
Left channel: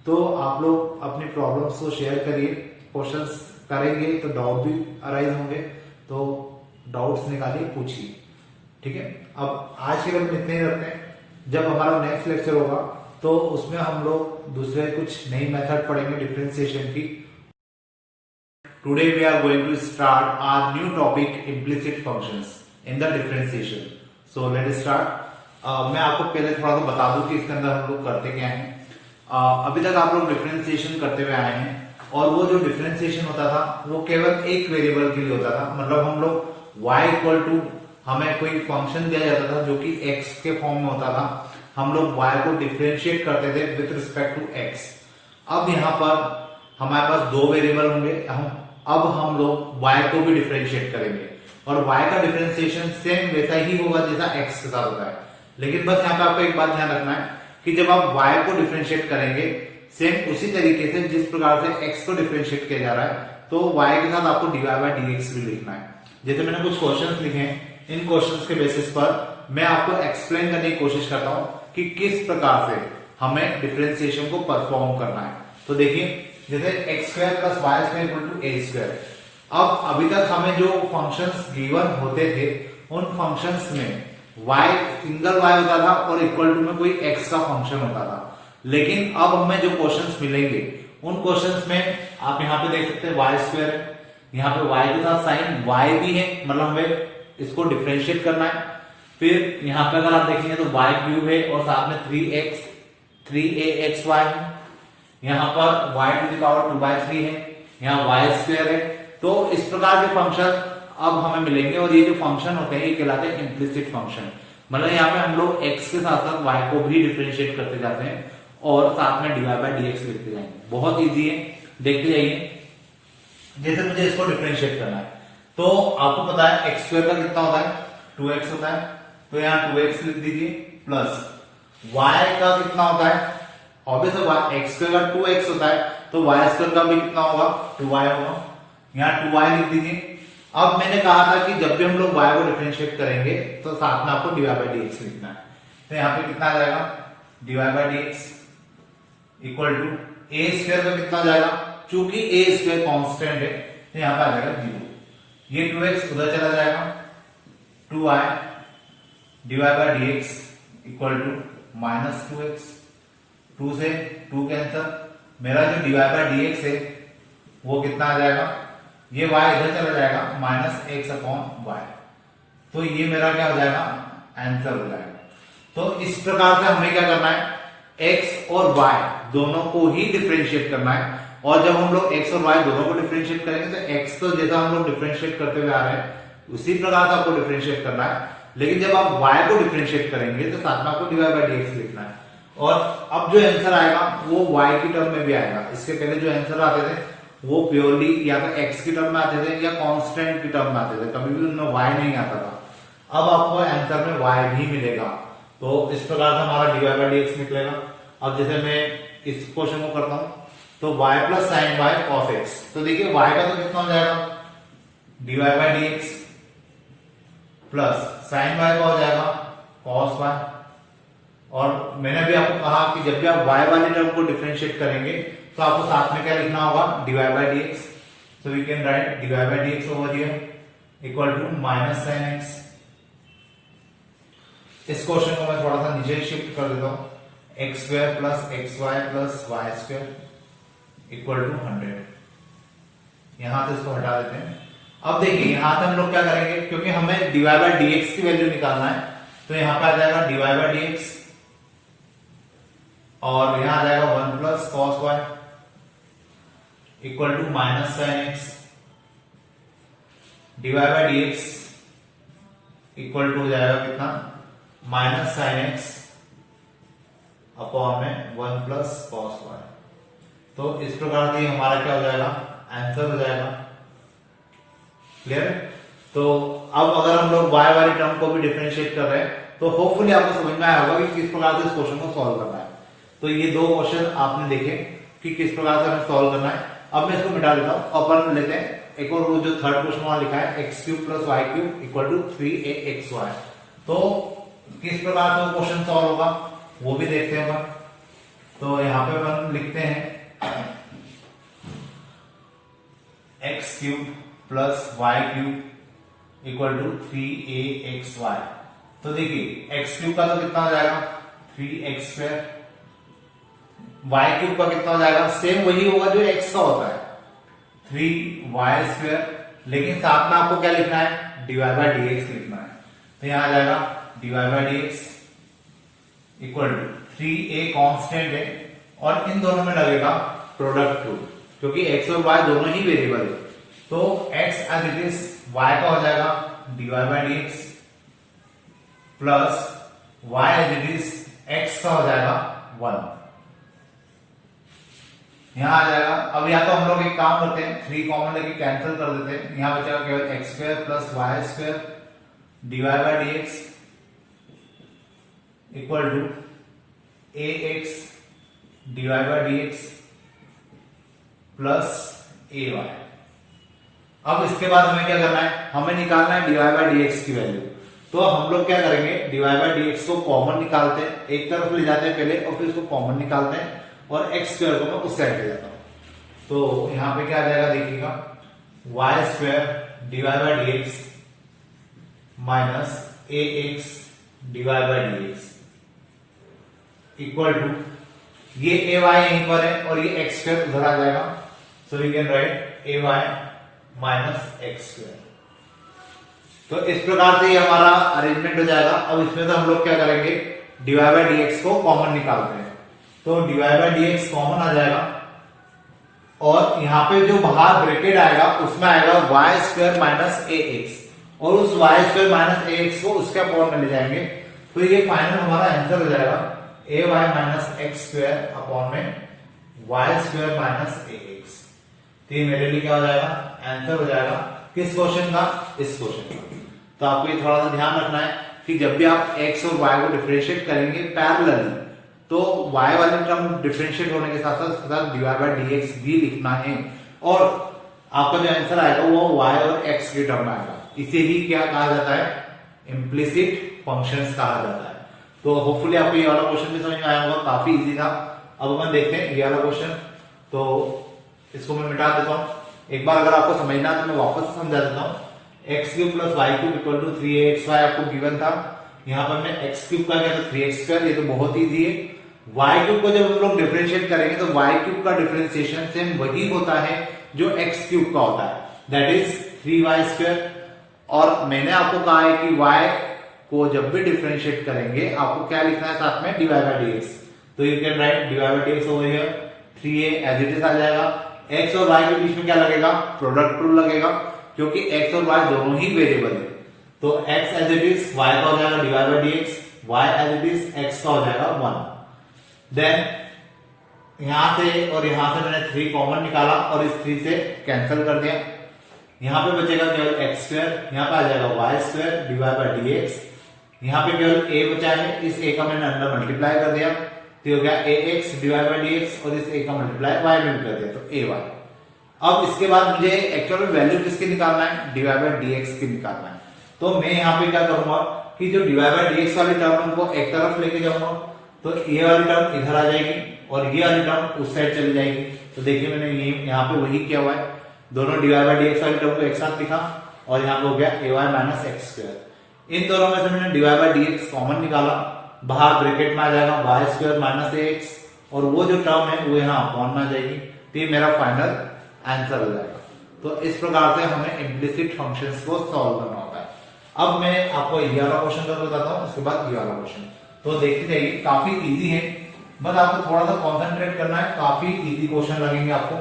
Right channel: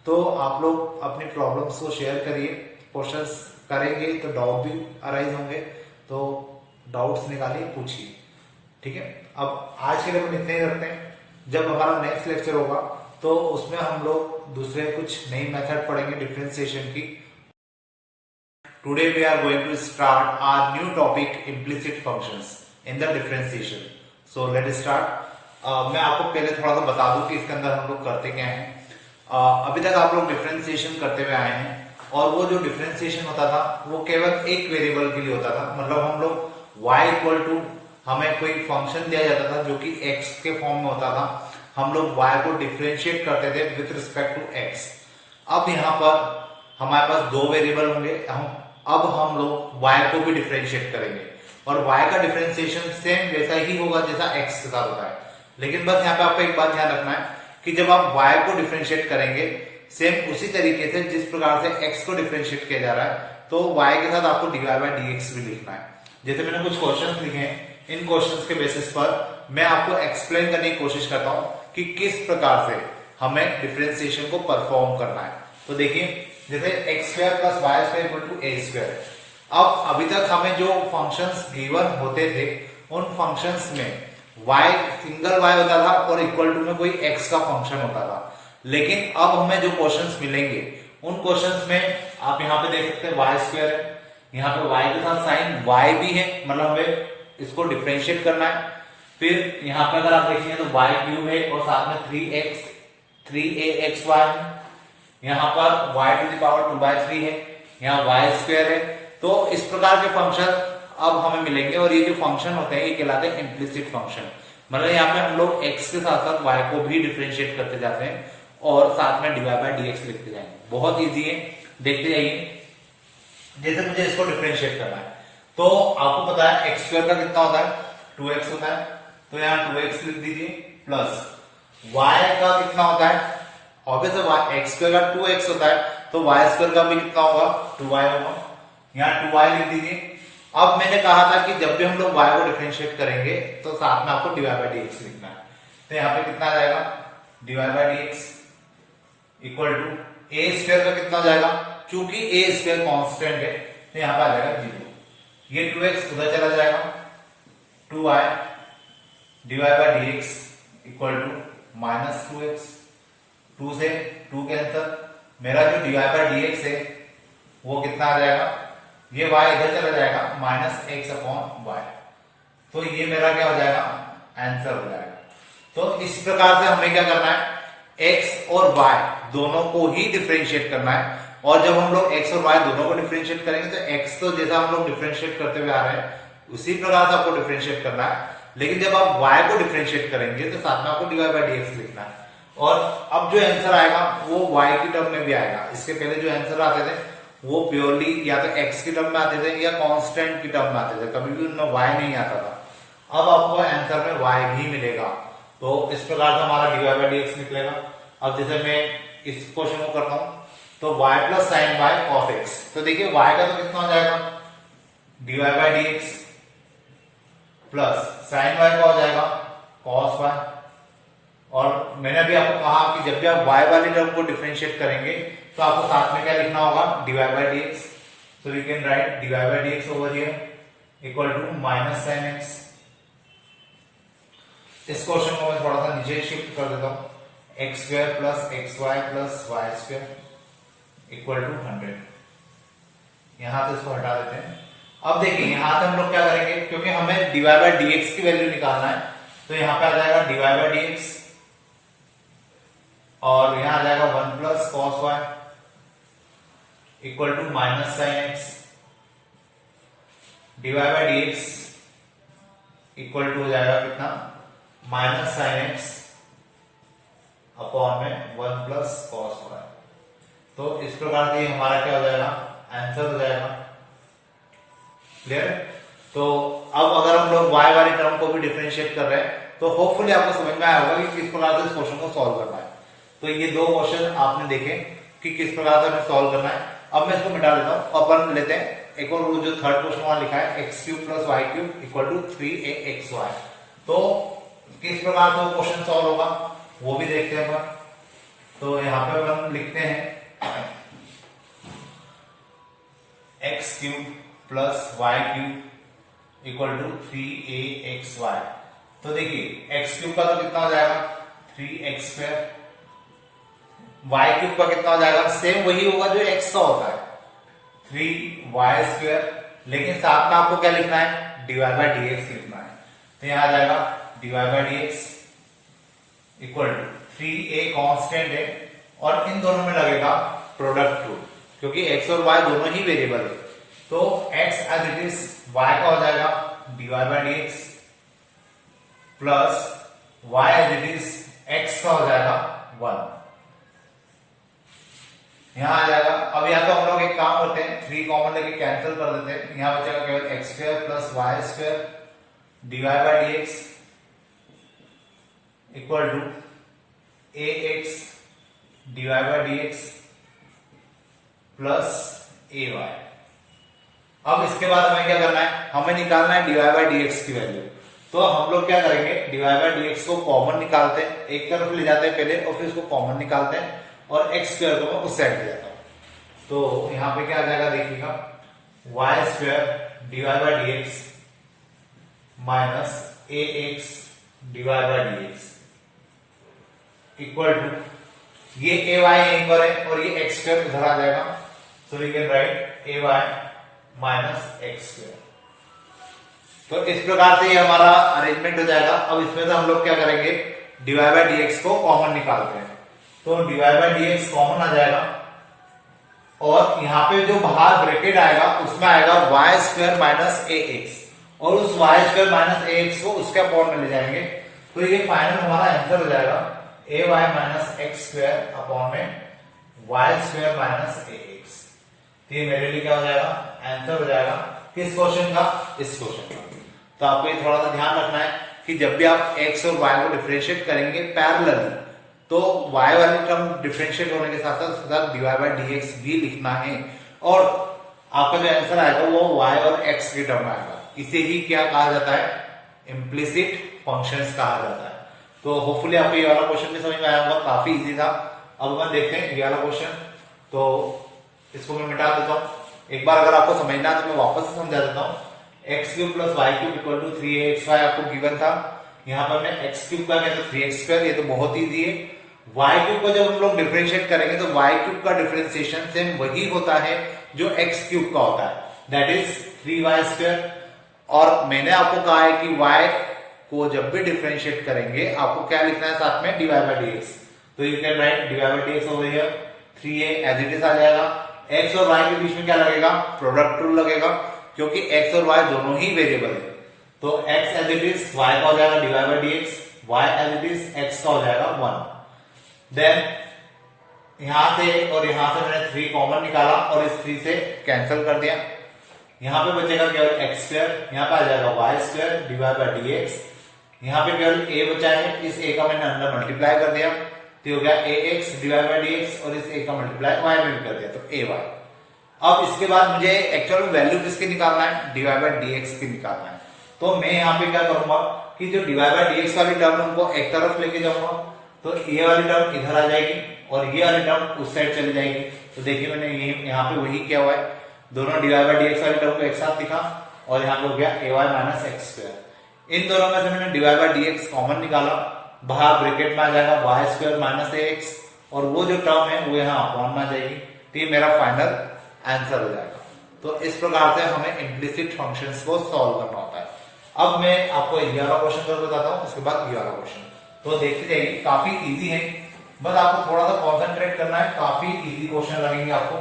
तो आप लोग अपनी प्रॉब्लम्स को शेयर करिए, क्वेश्चंस करेंगे तो डाउट भी अराइज होंगे, तो डाउट्स निकालिए, पूछिए। ठीक है, अब आज के लिए हम इतने ही रखते हैं। जब हमारा नेक्स्ट लेक्चर होगा तो उसमें हम लोग दूसरे कुछ नई मेथड पढ़ेंगे डिफरेंशिएशन की। Today we are going to start our new topic, implicit functions in the differentiation. So let start. मैं आपको पहले थोड़ा सा बता दूं कि इसके अंदर हम लोग करते क्या है। अभी तक आप लोग डिफरेंशिएशन करते हुए आए हैं, और वो जो डिफरेंशिएशन होता था वो केवल एक वेरिएबल के लिए होता था। मतलब हम लोग y इक्वल टू, हमें कोई फंक्शन दिया जाता था जो कि x के फॉर्म में होता था, हम लोग y को डिफरेंशिएट करते थे विथ रिस्पेक्ट टू x। अब यहाँ पर हमारे पास दो वेरिएबल होंगे, अब हम लोग y को भी डिफरेंशिएट करेंगे, और y का डिफरेंशिएशन सेम वैसा ही होगा जैसा x के साथ होता है। लेकिन बस यहाँ पे आपको एक बात ध्यान रखना है कि जब आप y को डिफरेंशिएट करेंगे सेम उसी तरीके से जिस प्रकार से x को डिफरेंशिएट किया जा रहा है, तो y के साथ आपको dy बाय dx भी लिखना है। जैसे मैंने कुछ क्वेश्चंस लिखे हैं, इन क्वेश्चंस के बेसिस पर मैं आपको एक्सप्लेन करने की कोशिश करता हूं कि किस प्रकार से हमें डिफरेंशिएशन को परफॉर्म करना है। तो देखिए, जैसे x square plus y square equal to a square. अब अभी तक हमें जो फंक्शंस गिवन होते थे उन फंक्शंस में y सिंगल y होता था और इक्वल टू में कोई x का फंक्शन होता था। लेकिन अब हमें जो क्वेश्चंस मिलेंगे उन क्वेश्चंस में आप यहाँ पे देख सकते हैं y स्क्वायर है, यहाँ पे y के साथ साइन y भी है, मतलब हमें इसको डिफरेंशिएट करना है। फिर यहाँ पे अगर आप देखेंगे तो y क्यूब है और साथ में 3axy है, यहाँ पर y टू द पावर 2/3 है, यहाँ y स्क्वायर है। तो इस प्रकार के फंक्शन अब हमें मिलेंगे, और ये जो फंक्शन होते हैं ये कहलाते हैं इम्प्लिसिट फंक्शन। मतलब यहाँ पे हम लोग x के साथ साथ y को भी डिफरेंशिएट करते जाते हैं और साथ में dy बाय dx लिखते जाएंगे। बहुत इजी है, देखते जाइए। जैसे मुझे इसको डिफरेंशिएट करना है तो आपको पता है x स्क्वायर का कितना होता है, 2x होता है, तो यहाँ 2x लिख दीजिए, प्लस y का कितना होता है, ऑब्वियसली x स्क्वायर का 2x होता है, तो y स्क्वायर का भी कितना होगा, 2y होगा, यहाँ 2y लिख दीजिए। अब मैंने कहा था कि जब भी हम लोग y को डिफरेंशिएट करेंगे तो साथ में आपको dy बाय dx लिखना है। तो यहाँ पे कितना आ जाएगा, dy by dx equal to a square का कितना हो जाएगा, चूंकि a स्क्वायर कांस्टेंट है तो यहाँ पे आ जाएगा 0। ये 2x उधर चला जाएगा, 2y dy by dx equal to minus 2x, 2 से 2 कैंसिल, मेरा जो dy बाय dx है वो कितना आ जाएगा, ये y इधर चला जाएगा, माइनस x अपॉन वाई। तो ये मेरा क्या हो जाएगा, आंसर हो जाएगा। तो इस प्रकार से हमें क्या करना है, x और y दोनों को ही डिफरेंशिएट करना है। और जब हम लोग x और y दोनों को डिफरेंशिएट करेंगे तो x तो जैसा हम लोग डिफरेंशिएट करते हुए आ रहे हैं उसी प्रकार से आपको डिफरेंशिएट करना है। लेकिन जब आप y को डिफरेंशिएट करेंगे तो साथ में आपको dy बाय dx लिखना है। और अब जो आंसर आएगा वो y की टर्म में भी आएगा। इसके पहले जो आंसर आते थे वो प्योरली या तो x की टर्म में आते थे या कांस्टेंट की टर्म में आते थे, कभी भी उनमें y नहीं आता था। अब आपको आंसर में y भी मिलेगा। तो इस प्रकार से हमारा dy बाय dx निकलेगा। अब जैसे मैं इस क्वेश्चन को करता हूं तो y plus sine y cos x, तो देखिए y का तो कितना हो जाएगा, dy by dx plus sine y का हो जाएगा cos y। और मैंने अभी आपको कहा कि जब भी आप y वाली टर्म को डिफरेंशिएट करेंगे तो आपको साथ में क्या लिखना होगा, dy by dx। So we can write dy by dx over here equal to minus sine x। इस क्वेश्चन को मैं थोड़ा सा नीचे शिफ्ट कर देता हूं, x square plus x y plus y square equal to 100। यहां से इसको हटा देते हैं। अब देखिए यहां से हम लोग क्या करेंगे, क्योंकि हमें dy बाय dx की वैल्यू निकालना है, तो यहां पे आ जाएगा dy बाय dx और यहां आ जाएगा 1 plus cos y equal to minus sine x. dy by dx equal to हो जाएगा कितना, माइनस साइन एक्स अपॉन में 1 प्लस कॉस वाई। तो इस प्रकार से हमारा क्या हो जाएगा, आंसर हो जाएगा। क्लियर? तो अब अगर हम लोग y वाली टर्म को भी डिफरेंशिएट कर रहे हैं तो होपफुली आपको समझ में आया होगा कि किस प्रकार से इस क्वेश्चन को सॉल्व करना है। तो ये दो क्वेश्चन आपने देखे कि किस प्रकार से हमें सॉल्व करना है। अब मैं इसको मिटा देता हूं। अपन लेते हैं एक और वो जो थर्ड क्वेश्चन वहां लिखा है x cube plus y cube equal to 3axy। तो किस प्रकार से वो क्वेश्चन सॉल्व होगा वो भी देखते हैं अपन। तो यहां पे अपन लिखते हैं x cube plus y cube equal to 3axy। तो देखिए x क्यूब का तो कितना हो जाएगा 3x स्क्वायर, y क्यूब का कितना हो जाएगा सेम वही होगा जो x का होता है 3y स्क्वायर, लेकिन साथ में आपको क्या लिखना है डिवाइड बाय dx लिखना है। तो यहां आ जाएगा divide by dx equal to 3a constant है और इन दोनों में लगेगा प्रोडक्ट रूल क्योंकि x और y दोनों ही वेरिएबल है। तो x as it is y का हो जाएगा divide by dx plus y as it is x का हो जाएगा 1। यहां आ जाएगा। अब यहां तो हम लोग एक काम करते हैं 3 कॉमन लेके कैंसिल कर देते हैं। यहां बचेगा केवल x square plus y square divide by dx equal to ax divide by dx plus ay। अब इसके बाद हमें क्या करना है, हमें निकालना है डिवाइड बाय dx की वैल्यू। तो हम लोग क्या करेंगे डिवाइड बाय dx को कॉमन निकालते हैं, एक तरफ ले जाते हैं पहले और फिर उसको कॉमन निकालते हैं और एक्स स्क्वायर को मैं उस साइड ले जाता हूं। तो यहां पे क्या आ जाएगा देखिएगा y square divide by dx minus ax divide by dx equal to ये ay यहीं पर है और ये एक्स स्क्वायर उधर आ जाएगा। So we can write ay minus x square. तो इस प्रकार से ये हमारा अरेंजमेंट हो जाएगा। अब इसमें से हम लोग क्या करेंगे डिवाइड बाय dx को कॉमन निकालते हैं। तो डिवाइड बाय dx कॉमन आ जाएगा और यहां पे जो बाहर ब्रैकेट आएगा उसमें आएगा वाई स्क्वायर माइनस ax और उस वाई स्क्वायर माइनस ax को उसके अपॉन में ले जाएंगे। तो ये फाइनल हमारा आंसर हो जाएगा ay minus x square upon में वाई स्क्वायर माइनस ax। तो ये मेरे लिए क्या हो जाएगा आंसर हो जाएगा किस क्वेश्चन का, इस क्वेश्चन का। तो आपको ये थोड़ा सा ध्यान रखना है कि जब भी आप x और y को डिफरेंशिएट करेंगे पैरेलली तो y वाली टर्म डिफरेंशिएट होने के साथ साथ डिवाइड बाय dx भी लिखना है और आपका जो आंसर आएगा वो y और x की टर्म में आएगा। इसे ही क्या कहा जाता है इम्प्लिसिट फंक्शंस कहा जाता है। तो होपफुली आपको ये वाला क्वेश्चन भी समझ में आया होगा, काफी इजी था। अब अपन देखते हैं ये वाला क्वेश्चन। तो इसको मैं मिटा देता हूं। एक बार अगर आपको समझना है तो मैं वापस से समझा देता हूं। X cube plus y cube equal to 3axy आपको गिवन था। यहां पर मैं एक्स क्यूब का क्या तो 3x स्क्वायर, ये तो बहुत ईजी है। वाई क्यूब को जब हम लोग डिफरेंशिएट करेंगे तो वाई क्यूब का डिफरेंशिएशन सेम वही होता है जो एक्स क्यूब का होता है, दैट इज 3y स्क्वायर। और मैंने आपको कहा है कि y को जब भी डिफरेंशिएट करेंगे आपको क्या लिखना है साथ में डिवाइड बाय dx। तो you can write divide by dx over here 3a as it is आ जाएगा। x और y के बीच में क्या लगेगा प्रोडक्ट रूल लगेगा क्योंकि x और y दोनों ही वेरिएबल है। तो x as it is y का हो जाएगा divide by dx, y as it is x का हो जाएगा 1। देन यहां से और यहां से मैंने 3 कॉमन निकाला और इस 3 से कैंसिल कर दिया। यहां पे बचेगा केवल एक्स स्क्वायर, यहां पे आ जाएगा y square divide by dx। यहां पे केवल a बचा है, इस a का मैंने अंदर मल्टीप्लाई कर दिया तो हो गया ax डिवाइड बाय dx और इस a का मल्टीप्लाई y में भी कर दिया तो ay। अब इसके बाद मुझे एक्चुअल में वैल्यू किसकी निकालना है डिवाइड बाय dx की निकालना है। तो मैं यहाँ पे क्या करूंगा कि जो डिवाइड बाय dx वाली टर्म उनको एक तरफ लेके जाऊंगा तो ये वाली टर्म इधर आ जाएगी और ये वाली टर्म उस साइड चली जाएगी। तो देखिए मैंने यहाँ पे वही किया हुआ है, दोनों डिवाइड बाय dx वाली टर्म को एक साथ लिखा और यहाँ पे हो गया ay माइनस एक्स स्क्वायर। इन दोनों में से मैंने डिवाइड बाय dx कॉमन निकाला, बाहर ब्रैकेट में आ जाएगा वाई स्क्वायर माइनस एक्स और वो जो टर्म है वो यहाँ अपॉन में आ जाएगी। तो ये मेरा फाइनल आंसर हो जाएगा। तो इस प्रकार से हमें इम्प्लिसिट फंक्शंस को सॉल्व करना होता है। अब मैं आपको ये वाला क्वेश्चन कर बताता हूँ, उसके बाद ये वाला क्वेश्चन। तो देखते जाइए, काफी इजी है, बस आपको थोड़ा सा कॉन्सेंट्रेट करना है। काफी इजी क्वेश्चन लगेंगे आपको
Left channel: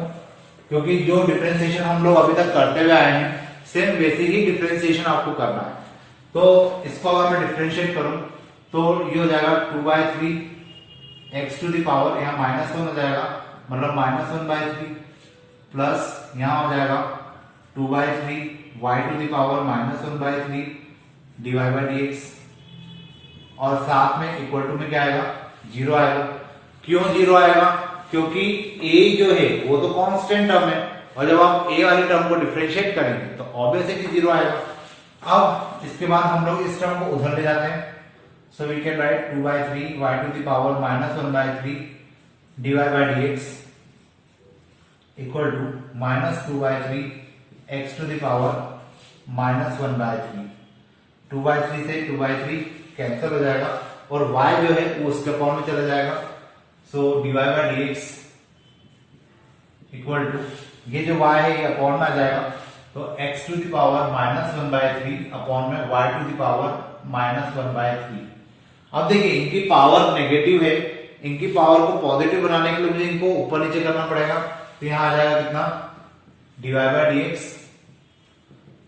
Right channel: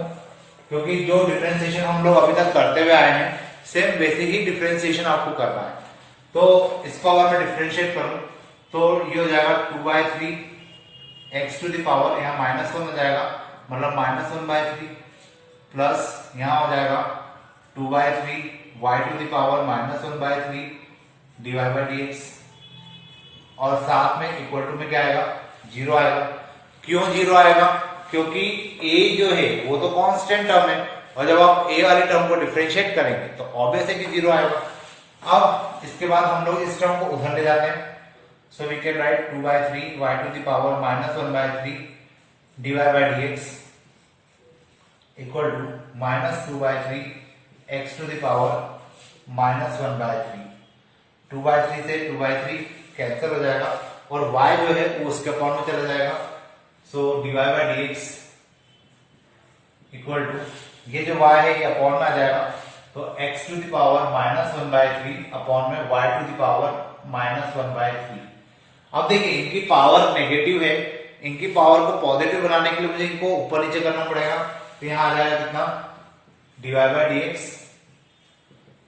क्योंकि जो डिफरेंशिएशन हम लोग अभी तक करते हुए आए हैं सेम वैसे ही डिफरेंशिएशन आपको करना है। तो इसको अगर मैं डिफरेंशिएट करूं तो ये हो जाएगा 2/3 x टू द पावर, यहाँ -1 हो जाएगा मतलब -1/3 प्लस यहां हो जाएगा 2/3 y to the power -1/3 dy by d x, और साथ में इक्वल टू में क्या आएगा, 0 आएगा। क्यों 0 आएगा? क्योंकि a जो है वो तो कांस्टेंट टर्म है, और जब आप a वाली टर्म को डिफरेंशिएट करेंगे तो ऑब्वियसली 0 आएगा। अब इसके बाद हम लोग इस टर्म को उधर ले जाते हैं, so we can write 2/3 y to the power -1/3 dy by d x equal to -2/3 x to the power -1/3। 2/3 से 2/3 कैंसिल हो जाएगा, और y जो है वो उसके फॉर्म में चला जाएगा, so dy by d x equal to, ये जो y है ये अपॉन में आ जाएगा, तो x to the power -1/3 upon में y टू द पावर -1/3। अब देखिए इनकी पावर नेगेटिव है, इनकी पावर को पॉजिटिव बनाने के लिए मुझे इनको ऊपर नीचे करना पड़ेगा, तो यहां आ जाएगा कितना, dy बाई डी एक्स,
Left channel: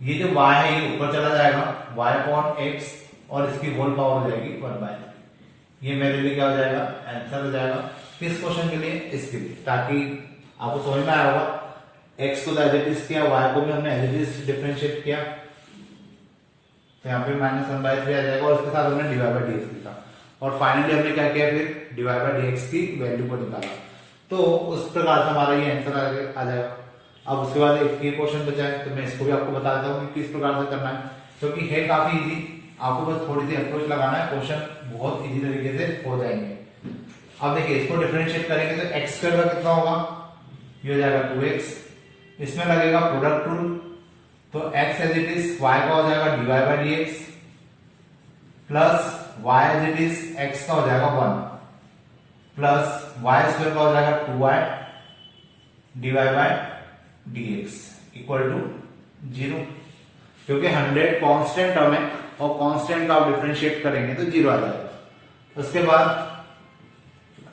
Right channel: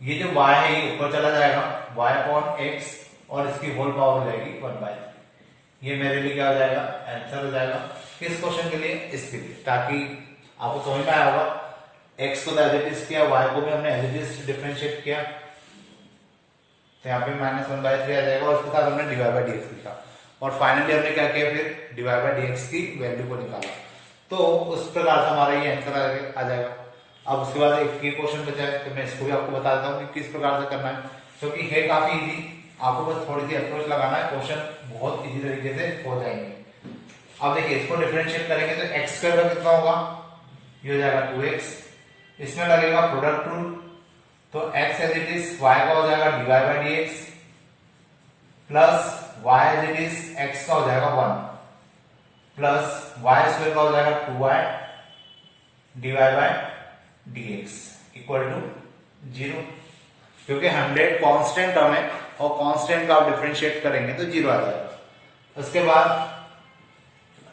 ये जो y है ये ऊपर चला जाएगा y अपॉन x, और इसकी होल पावर हो जाएगी 1/3। ये मेरे लिए क्या हो जाएगा, आंसर हो जाएगा। किस क्वेश्चन के लिए? इसके लिए, ताकि आपको समझ में आया होगा। x को तो एज इट इज किया, y को भी हमने एज इट इज डिफरेंशिएट किया, तो यहाँ पे -1/3 आ जाएगा, और इसके साथ हमने dy बाई डी एक्स लिखा, और फाइनली हमने क्या किया, फिर dy बाई डी एक्स की वैल्यू को निकाला, तो उस प्रकार से हमारा ये आंसर आ जाएगा। अब उसके बाद एक ये क्वेश्चन बचा है, तो मैं इसको भी आपको बता देता हूँ कि किस प्रकार से करना है, क्योंकि है काफी इजी, आपको बस थोड़ी सी अप्रोच लगाना है, क्वेश्चन बहुत इजी तरीके से हो जाएंगे। अब देखिए इसको डिफरेंशिएट करेंगे तो x स्क्वायर का कितना होगा, ये हो जाएगा 2x, इसमें लगेगा प्रोडक्ट रूल, तो x as it is y का हो जाएगा dy by d x, plus y as it is x का हो जाएगा 1, प्लस y स्क्वायर का हो जाएगा 2y dy by d x equal to 0, क्योंकि 100 कांस्टेंट टर्म है, और कांस्टेंट का आप डिफरेंशिएट करेंगे तो 0 आ जाएगा। उसके बाद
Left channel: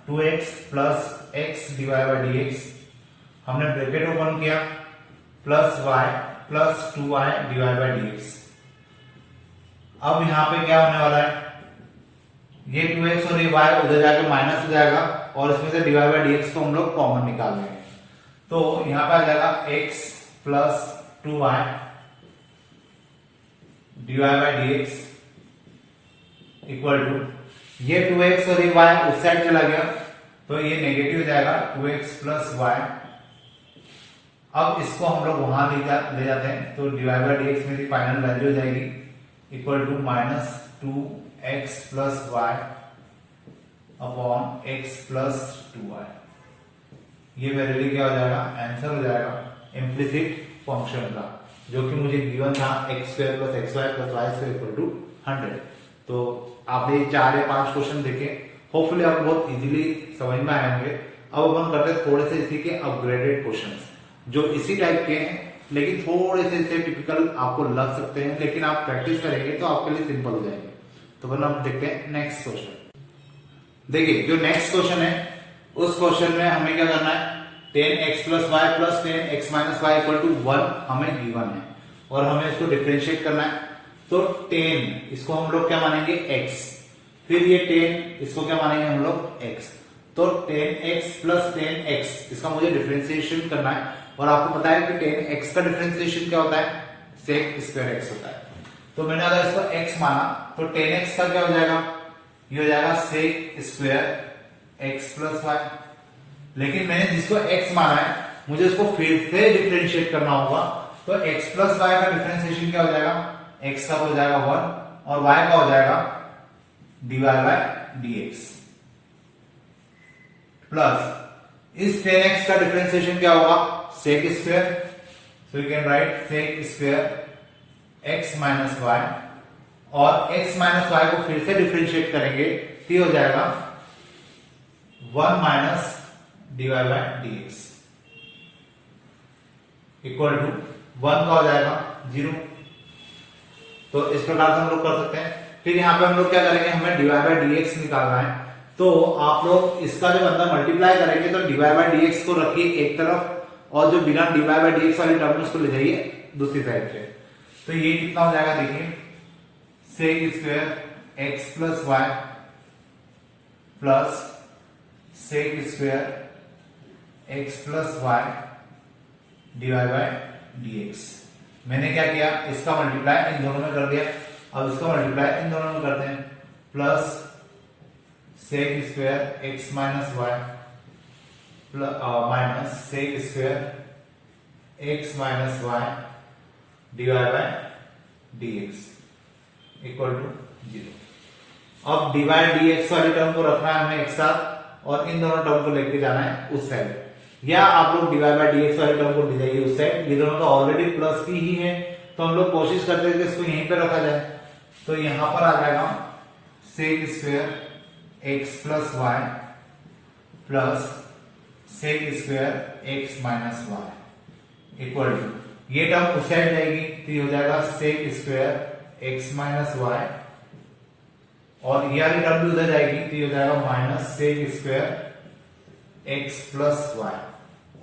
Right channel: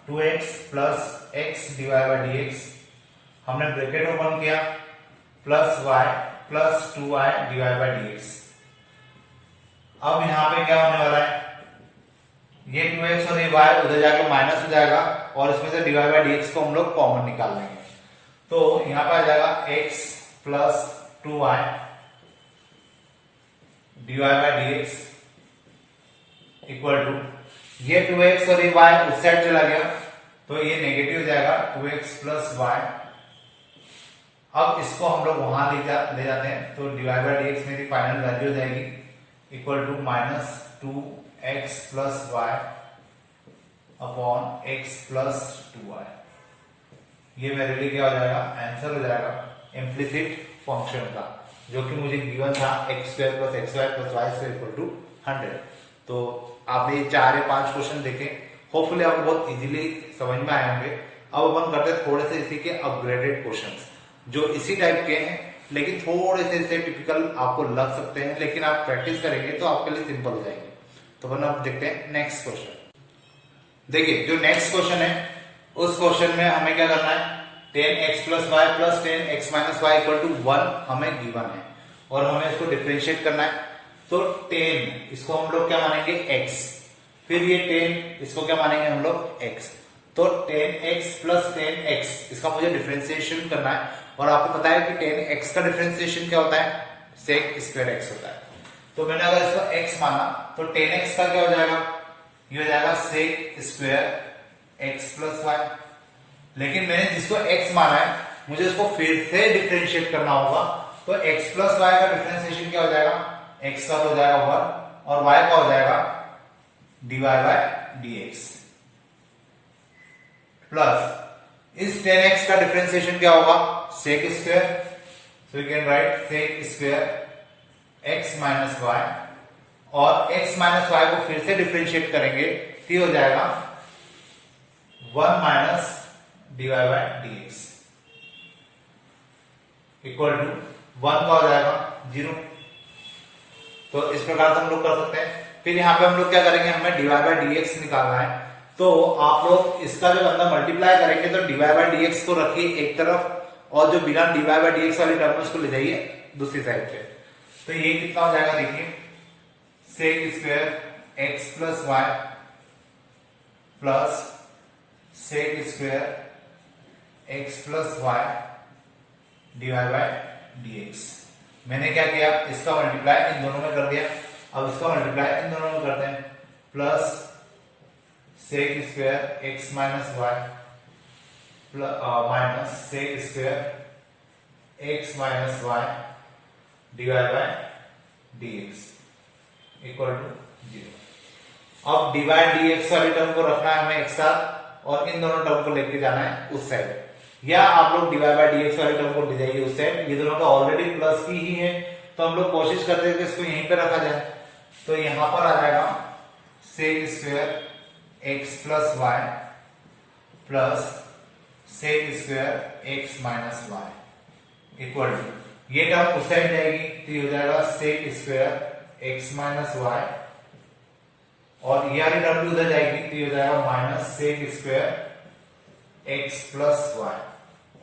2x plus x dy by d x, हमने ब्रैकेट ओपन किया, plus y plus 2y dy by d x. अब यहां पे क्या होने वाला है, ये 2x और ये y उधर जाके माइनस हो जाएगा, और इसमें से dy बाई डी एक्स को हम लोग कॉमन निकाल लेंगे, तो यहां पे आ जाएगा x plus 2y dy by d x equal to, ये 2x और ये y उस साइड चला गया, तो ये नेगेटिव हो जाएगा 2x प्लस y। अब इसको हम लोग वहां ले जाते हैं, तो dy बाई डी एक्स मेरी फाइनल वैल्यू हो जाएगी equal to -2x plus y upon x plus 2y। ये मेरे लिए क्या हो जाएगा, आंसर हो जाएगा इम्प्लिसिट फंक्शन का, जो कि मुझे गिवन था x square plus x y plus y square equal to 100। तो आपने 4 या 5 क्वेश्चन देखे, होपफुली आपको बहुत इजीली समझ में आए होंगे। अब अपन करते हैं थोड़े से इसी के अपग्रेडेड क्वेश्चंस, जो इसी टाइप के हैं, लेकिन थोड़े से इससे टिपिकल आपको लग सकते हैं, लेकिन आप प्रैक्टिस करेंगे तो आपके लिए सिंपल हो जाएंगे। तो अपन अब देखते हैं नेक्स्ट क्वेश्चन। देखिए जो नेक्स्ट क्वेश्चन है, उस क्वेश्चन में हमें क्या करना है, 10x plus Y plus 10x minus y equal to 1 हमें गिवन है, और हमें इसको डिफरेंशिएट करना है। तो 10 इसको हम लोग क्या मानेंगे, x, फिर ये 10 इसको क्या मानेंगे हम लोग, x। तो 10x प्लस 10x इसका मुझे डिफरेंशिएशन करना है, और आपको पता है कि 10x का डिफरेंशिएशन क्या होता है, sec स्क्वायर x होता है। तो मैंने अगर इसको x माना, तो 10x का क्या हो जाएगा, ये हो जाएगा sec square x plus y. लेकिन मैंने जिसको x माना है, मुझे इसको फिर से डिफरेंशिएट करना होगा, तो x प्लस वाई का डिफरेंशिएशन क्या हो जाएगा, x का तो हो जाएगा 1, और y का हो जाएगा dy by d x, plus इस 10x का डिफरेंशिएशन क्या होगा, sec square, so you can write sec square x minus y, और x माइनस वाई को फिर से डिफरेंशिएट करेंगे तो ये हो जाएगा 1 minus dy by d x equal to 1 का हो जाएगा 0। तो इस प्रकार से हम लोग कर सकते हैं। फिर यहाँ पे हम लोग क्या करेंगे, हमें dy बाई डी एक्स निकालना है, तो आप लोग इसका जब अंदर मल्टीप्लाई करेंगे तो dy बाई डी एक्स को रखिए एक तरफ, और जो बिना dy बाई डी एक्स वाली टर्म उसको ले जाइए दूसरी साइड पे। तो ये कितना हो जाएगा, देखिए sec square x plus Y plus sec square x plus y dy by dx। मैंने क्या किया, इसका मल्टीप्लाई इन दोनों में कर दिया, अब इसका मल्टीप्लाई इन दोनों में करते हैं, plus sec square x minus Y minus sec square x minus y divide by dx equal to 0। अब डिवाइड dx वाली टर्म को रखना है हमें एक साथ और इन दोनों टर्म को लेके जाना है उस साइड, या आप लोग डिवाइड बाय dx वाली टर्म को ले जाइए उस साइड। ये दोनों तो ऑलरेडी प्लस की ही है, तो हम लोग कोशिश करते हैं कि इसको यहीं पे रखा जाए। तो यहां पर आ जाएगा sec square x plus Y plus sec square x minus y equal to, ये टर्म उस साइड जाएगी तो ये हो जाएगा sec square x minus y, और ये वाली टर्म भी उधर जाएगी तो ये हो जाएगा minus sec square x plus y.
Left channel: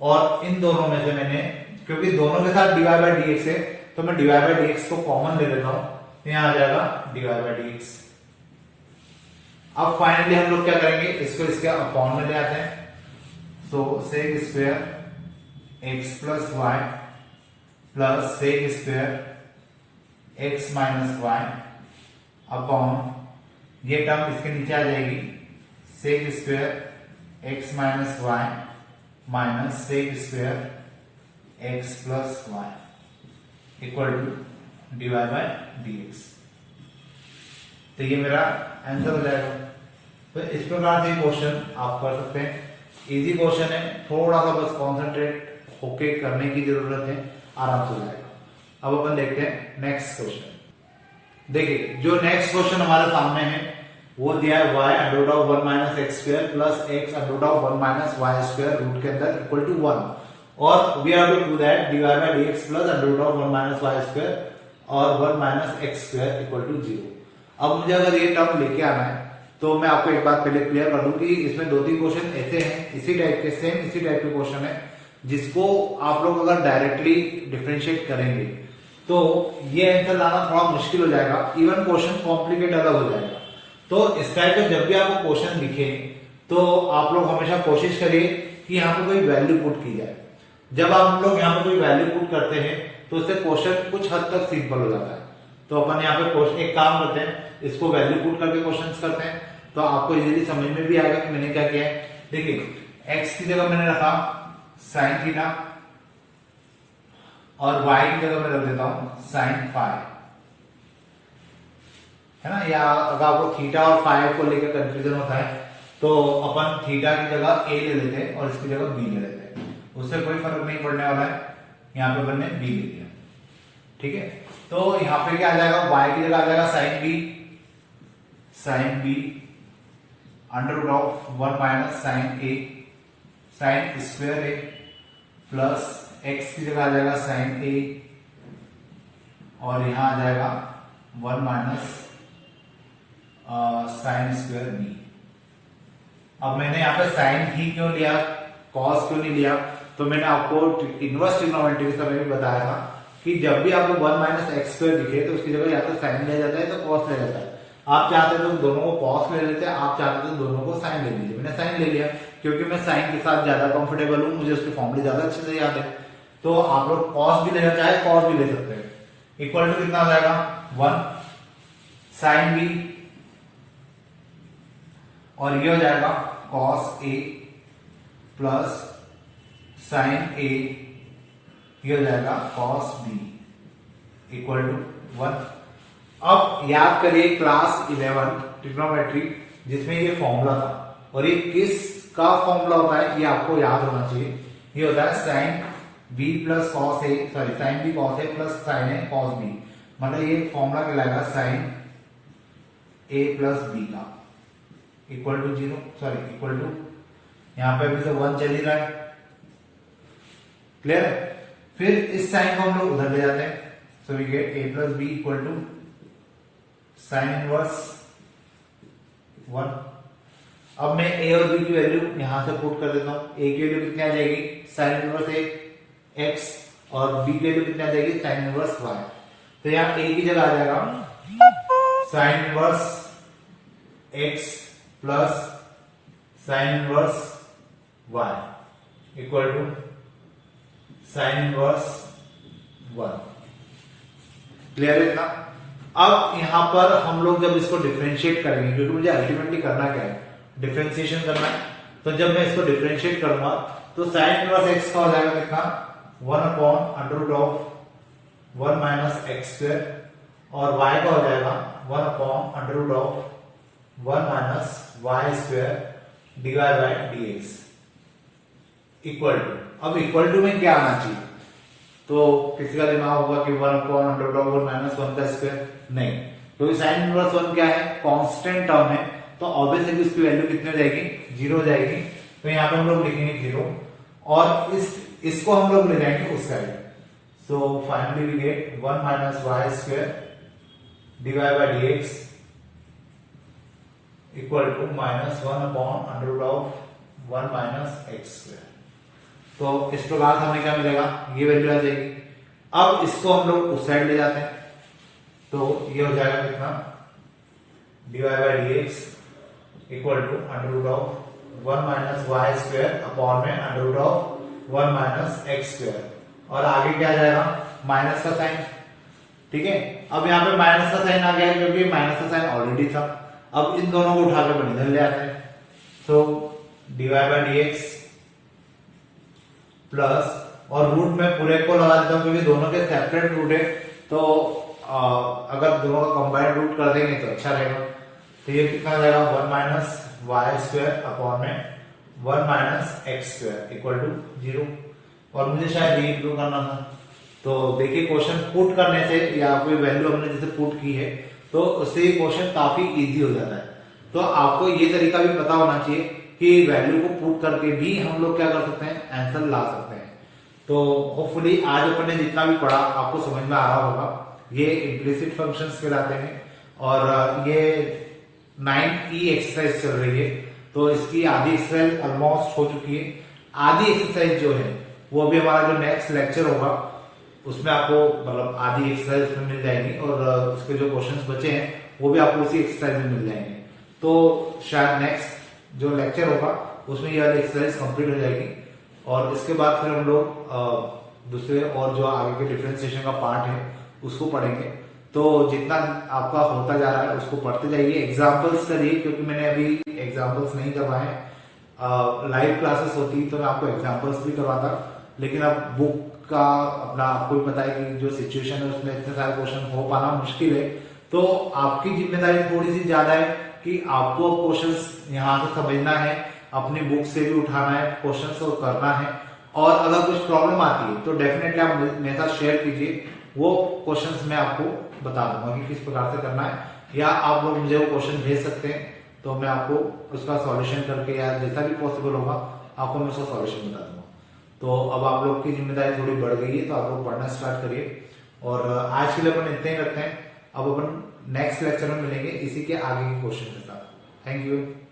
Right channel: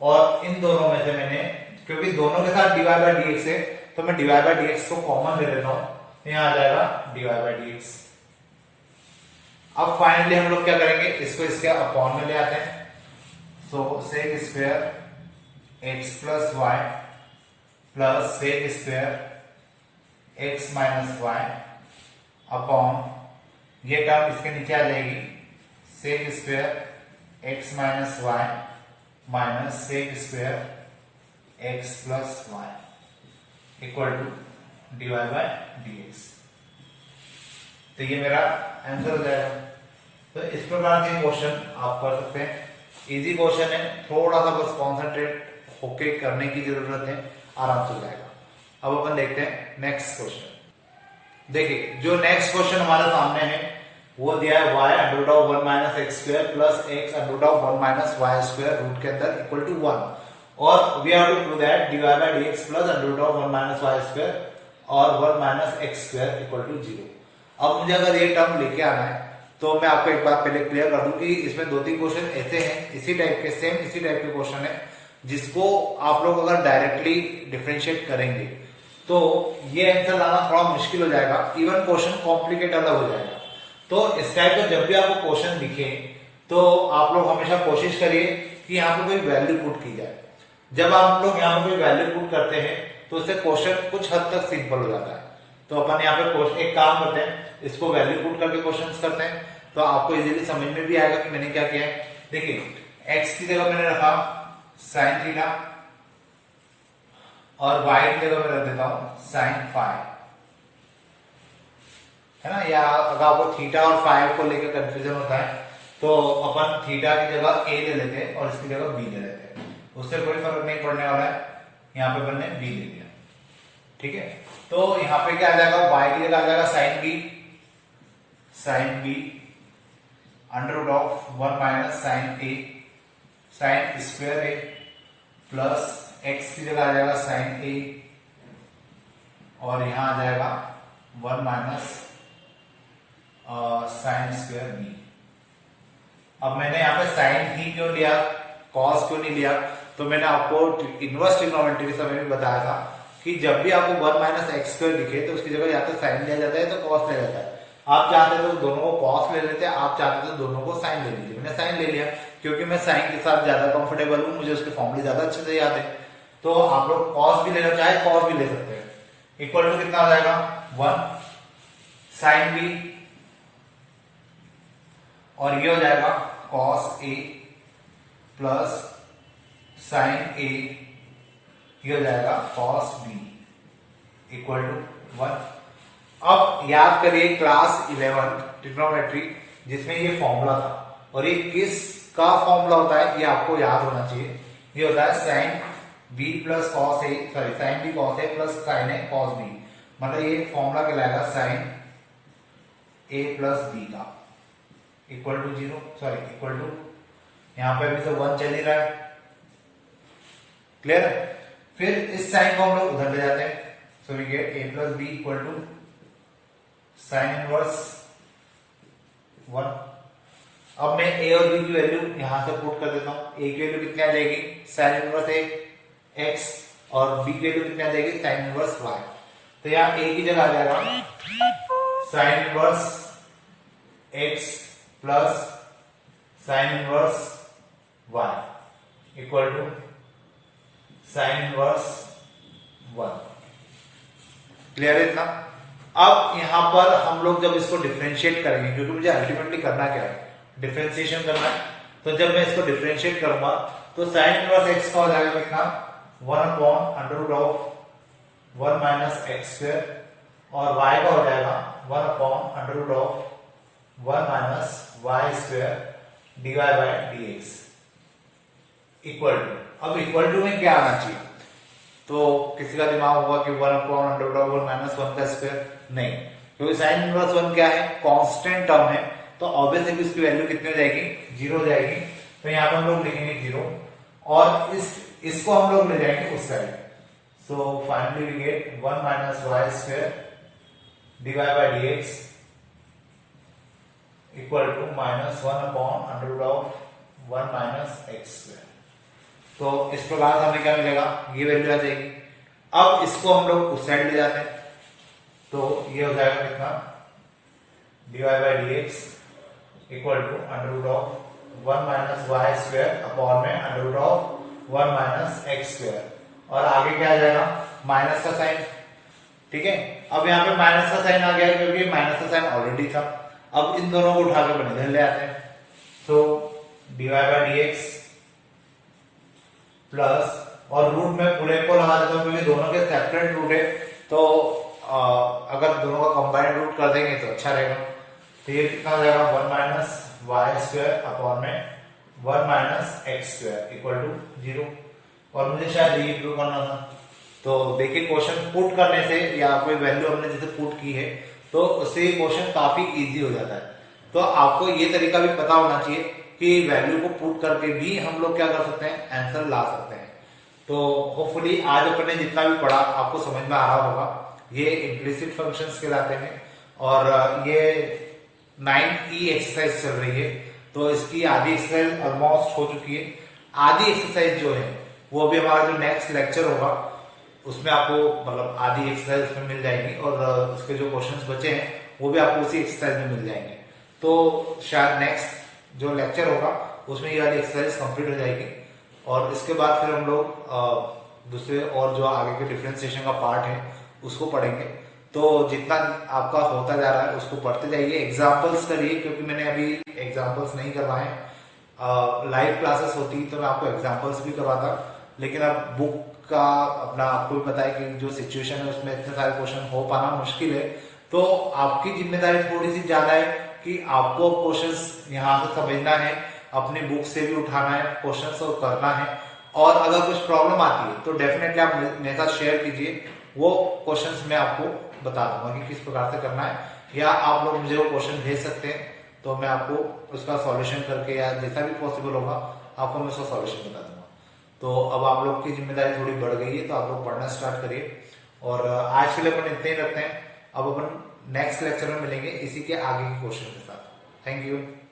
और इन दोनों में से मैंने, क्योंकि दोनों के साथ डिवाइड बाय dx है, तो मैं डिवाइड बाय dx को कॉमन ले लेता हूं, तो यहां आ जाएगा डिवाइड बाय dx। अब फाइनली हम लोग क्या करेंगे, इसको इसके अपॉन में ले आते हैं। So sec square x plus Y plus sec square x minus Y upon, ये टर्म इसके नीचे आ जाएगी, sec square x minus Y minus sec square x plus Y equal to divide by dx। तो ये मेरा आंसर हो जाएगा। तो इस प्रकार से क्वेश्चन आप कर सकते हैं, इजी क्वेश्चन है, थोड़ा सा बस कॉन्सेंट्रेट होके करने की जरूरत है, आराम से हो जाएगा। अब अपन देखते हैं नेक्स्ट क्वेश्चन। देखिए जो नेक्स्ट क्वेश्चन हमारे सामने है वो दिया है y under root of 1 minus x square plus x under root of 1 minus y square root के अंदर इक्वल टू 1, और we have to prove that dy by dx plus under root of 1 minus y square और 1 minus x square equal to 0। अब मुझे अगर ये term लेके आना है तो मैं आपको एक बात पहले क्लियर कर दूं कि इसमें 2-3 क्वेश्चन ऐसे हैं, इसी टाइप के, सेम इसी टाइप के क्वेश्चन है, जिसको आप लोग अगर डायरेक्टली डिफरेंशिएट करेंगे तो ये आंसर लाना थोड़ा मुश्किल हो जाएगा, इवन क्वेश्चन कॉम्प्लिकेट अलग हो जाएगा। तो इस टाइप का जब भी आपको क्वेश्चन दिखे तो आप लोग हमेशा कोशिश करिए कि यहाँ पे कोई वैल्यू पुट की जाए। जब आप लोग यहाँ पे कोई वैल्यू पुट करते हैं तो उससे क्वेश्चन कुछ हद तक सिंपल हो जाता है। तो अपन यहाँ पे एक काम करते हैं, इसको वैल्यू पुट करके क्वेश्चन करते हैं, तो आपको इजीली समझ में भी आएगा कि मैंने क्या किया है। देखिए एक्स की जगह मैंने रखा साइन थीटा और वाई की जगह मैं रख देता हूं साइन फाई, है ना। या अगर आपको थीटा और फाई को लेकर कंफ्यूजन होता है तो अपन थीटा की जगह ए ले लेते हैं और इसकी जगह बी ले लेते हैं, उससे कोई फर्क नहीं पड़ने वाला है। यहाँ पे मैंने बी ले लिया, ठीक है। तो यहाँ पे क्या आ जाएगा, y की जगह आ जाएगा sine b under root of 1 minus sine square a plus x की जगह आ जाएगा साइन ए और यहां आ जाएगा 1 माइनस साइन स्क्वायर बी। अब मैंने यहाँ पे साइन ही क्यों लिया, कॉस क्यों नहीं लिया, तो मैंने आपको इनवर्स ट्रिग्नोमेट्री के समय भी बताया था कि जब भी आपको 1 माइनस एक्स स्क्वायर दिखे तो उसकी जगह या तो साइन लिया जाता है तो कॉस लिया जाता है। आप चाहते तो दोनों को कॉस ले लेते हैं, आप चाहते तो दोनों को साइन ले लीजिए। मैंने साइन ले लिया क्योंकि मैं साइन के साथ ज्यादा कंफर्टेबल हूं, मुझे उसके फॉर्मूले ज्यादा अच्छे से याद है। तो आप लोग कॉस भी लेना चाहे कॉस भी ले सकते हैं। इक्वल टू कितना हो जाएगा 1 साइन बी और ये हो जाएगा कॉस ए प्लस साइन ए, ये हो जाएगा कॉस बी इक्वल टू 1। अब याद करिए क्लास 11 ट्रिग्नोमेट्री जिसमें ये फॉर्मूला था, और ये किस का फॉर्मूला होता है ये आपको याद होना चाहिए। ये होता है sine B plus cos A, sorry sine B cos A plus sine A cos B, मतलब ये फॉर्मूला कहलाएगा साइन ए प्लस बी का equal to 0, sorry equal to यहां पे अभी से 1 चल ही रहा है, क्लियर है। फिर इस साइन को हम लोग उधर ले जाते हैं, so we get A plus B equal to sine inverse 1। अब मैं ए और बी की वैल्यू यहां से पुट कर देता हूं। ए की वैल्यू कितनी आ जाएगी साइन इनवर्स एक्स और बी की वैल्यू कितनी आ जाएगी साइन इनवर्स वाई। तो यहां ए की जगह आ जाएगा sine inverse x plus sine inverse y equal to sine inverse 1। Clear है इतना? अब यहां पर हम लोग जब इसको डिफरेंशिएट करेंगे, क्योंकि मुझे अल्टीमेटली करना क्या है, डिफरेंशिएशन करना है, तो जब मैं इसको डिफरेंशिएट करूंगा तो साइन इनवर्स एक्स का हो जाएगा कितना, 1/√1 माइनस एक्स स्क्वायर, और y का हो जाएगा 1/√1 minus y square divide by dx equal to. अब इक्वल टू में क्या आना चाहिए? तो किसी का दिमाग होगा कि 1/√1 माइनस 1 का स्क्वायर, नहीं, क्योंकि साइन इनवर्स 1 क्या है, कांस्टेंट टर्म है, तो ऑब्वियसली इसकी वैल्यू कितनी हो जाएगी, 0 हो जाएगी। तो यहाँ पे हम लोग लिखेंगे 0, और इसको हम लोग ले जाएंगे उस side. So finally we get 1 minus y square divide by dx equal to -1/√1 minus x square. तो इस प्रकार हमें क्या मिलेगा, ये वैल्यू आ जाएगी। अब इसको हम लोग उस साइड ले जाते हैं, तो ये हो जाएगा कितना, divide by dx equal to √1 minus y square upon में √1 माइनस एक्स स्क्वायर, और आगे क्या आ जाएगा, माइनस का साइन। ठीक है, अब यहाँ पे माइनस का साइन आ गया क्योंकि माइनस का साइन ऑलरेडी था। अब इन दोनों को उठाकर अपन इधर ले आते हैं, तो डिवाइड बाय dx प्लस, और रूट में पूरे को लगा देता हूं क्योंकि दोनों के सेपरेट रूट है, तो अगर दोनों का कंबाइंड रूट कर देंगे तो अच्छा रहेगा। तो ये कितना हो जाएगा, 1 माइनस वाई स्क्वायर अपॉन में 1 minus x square equal to 0। और मुझे शायद ये प्रूव करना था। तो देखिए, क्वेश्चन पुट करने से या कोई वैल्यू हमने जैसे पुट की है तो उससे क्वेश्चन काफी इजी हो जाता है। तो आपको ये तरीका भी पता होना चाहिए कि वैल्यू को पुट करके भी हम लोग क्या कर सकते हैं, आंसर ला सकते हैं। तो होपफुली आज अपन ने जितना भी पढ़ा आपको समझ में आ रहा होगा। ये इम्प्लिसिट फंक्शंस कहलाते हैं, और ये 9E एक्सरसाइज चल रही है, तो इसकी आधी एक्सरसाइज ऑलमोस्ट हो चुकी है। आधी एक्सरसाइज जो है वो भी हमारा जो नेक्स्ट लेक्चर होगा उसमें आपको मतलब आधी एक्सरसाइज उसमें मिल जाएंगी, और उसके जो क्वेश्चंस बचे हैं वो भी आपको उसी एक्सरसाइज में मिल जाएंगे। तो शायद नेक्स्ट जो लेक्चर होगा उसमें ये वाली एक्सरसाइज कंप्लीट हो जाएगी, और इसके बाद फिर हम लोग दूसरे और जो आगे के डिफरेंशिएशन का पार्ट है उसको पढ़ेंगे। तो जितना आपका होता जा रहा है उसको पढ़ते जाइए, एग्जाम्पल्स करिए, क्योंकि मैंने अभी एग्जाम्पल्स नहीं करवाए। लाइव क्लासेस होती तो मैं आपको एग्जाम्पल्स भी करवाता, लेकिन अब बुक का अपना आपको भी पता है कि जो सिचुएशन है उसमें इतने सारे क्वेश्चन हो पाना मुश्किल है। तो आपकी जिम्मेदारी थोड़ी सी ज्यादा है कि आपको क्वेश्चंस यहाँ से समझना है, अपनी बुक से भी उठाना है क्वेश्चंस और करना है। और अगर कुछ प्रॉब्लम आती है तो डेफिनेटली आप मेरे साथ शेयर कीजिए, वो क्वेश्चंस मैं आपको बता दूंगा कि किस प्रकार से करना है, या आप लोग मुझे वो क्वेश्चन भेज सकते हैं तो मैं आपको उसका सॉल्यूशन करके या जैसा भी पॉसिबल होगा आपको मैं उसका सॉल्यूशन बता दूंगा। तो अब आप लोग की जिम्मेदारी थोड़ी बढ़ गई है, तो आप लोग पढ़ना स्टार्ट करिए। और आज के लिए अपन इतने ही रखते हैं, अब अपन नेक्स्ट लेक्चर में मिलेंगे इसी के आगे के क्वेश्चन के साथ। Thank you.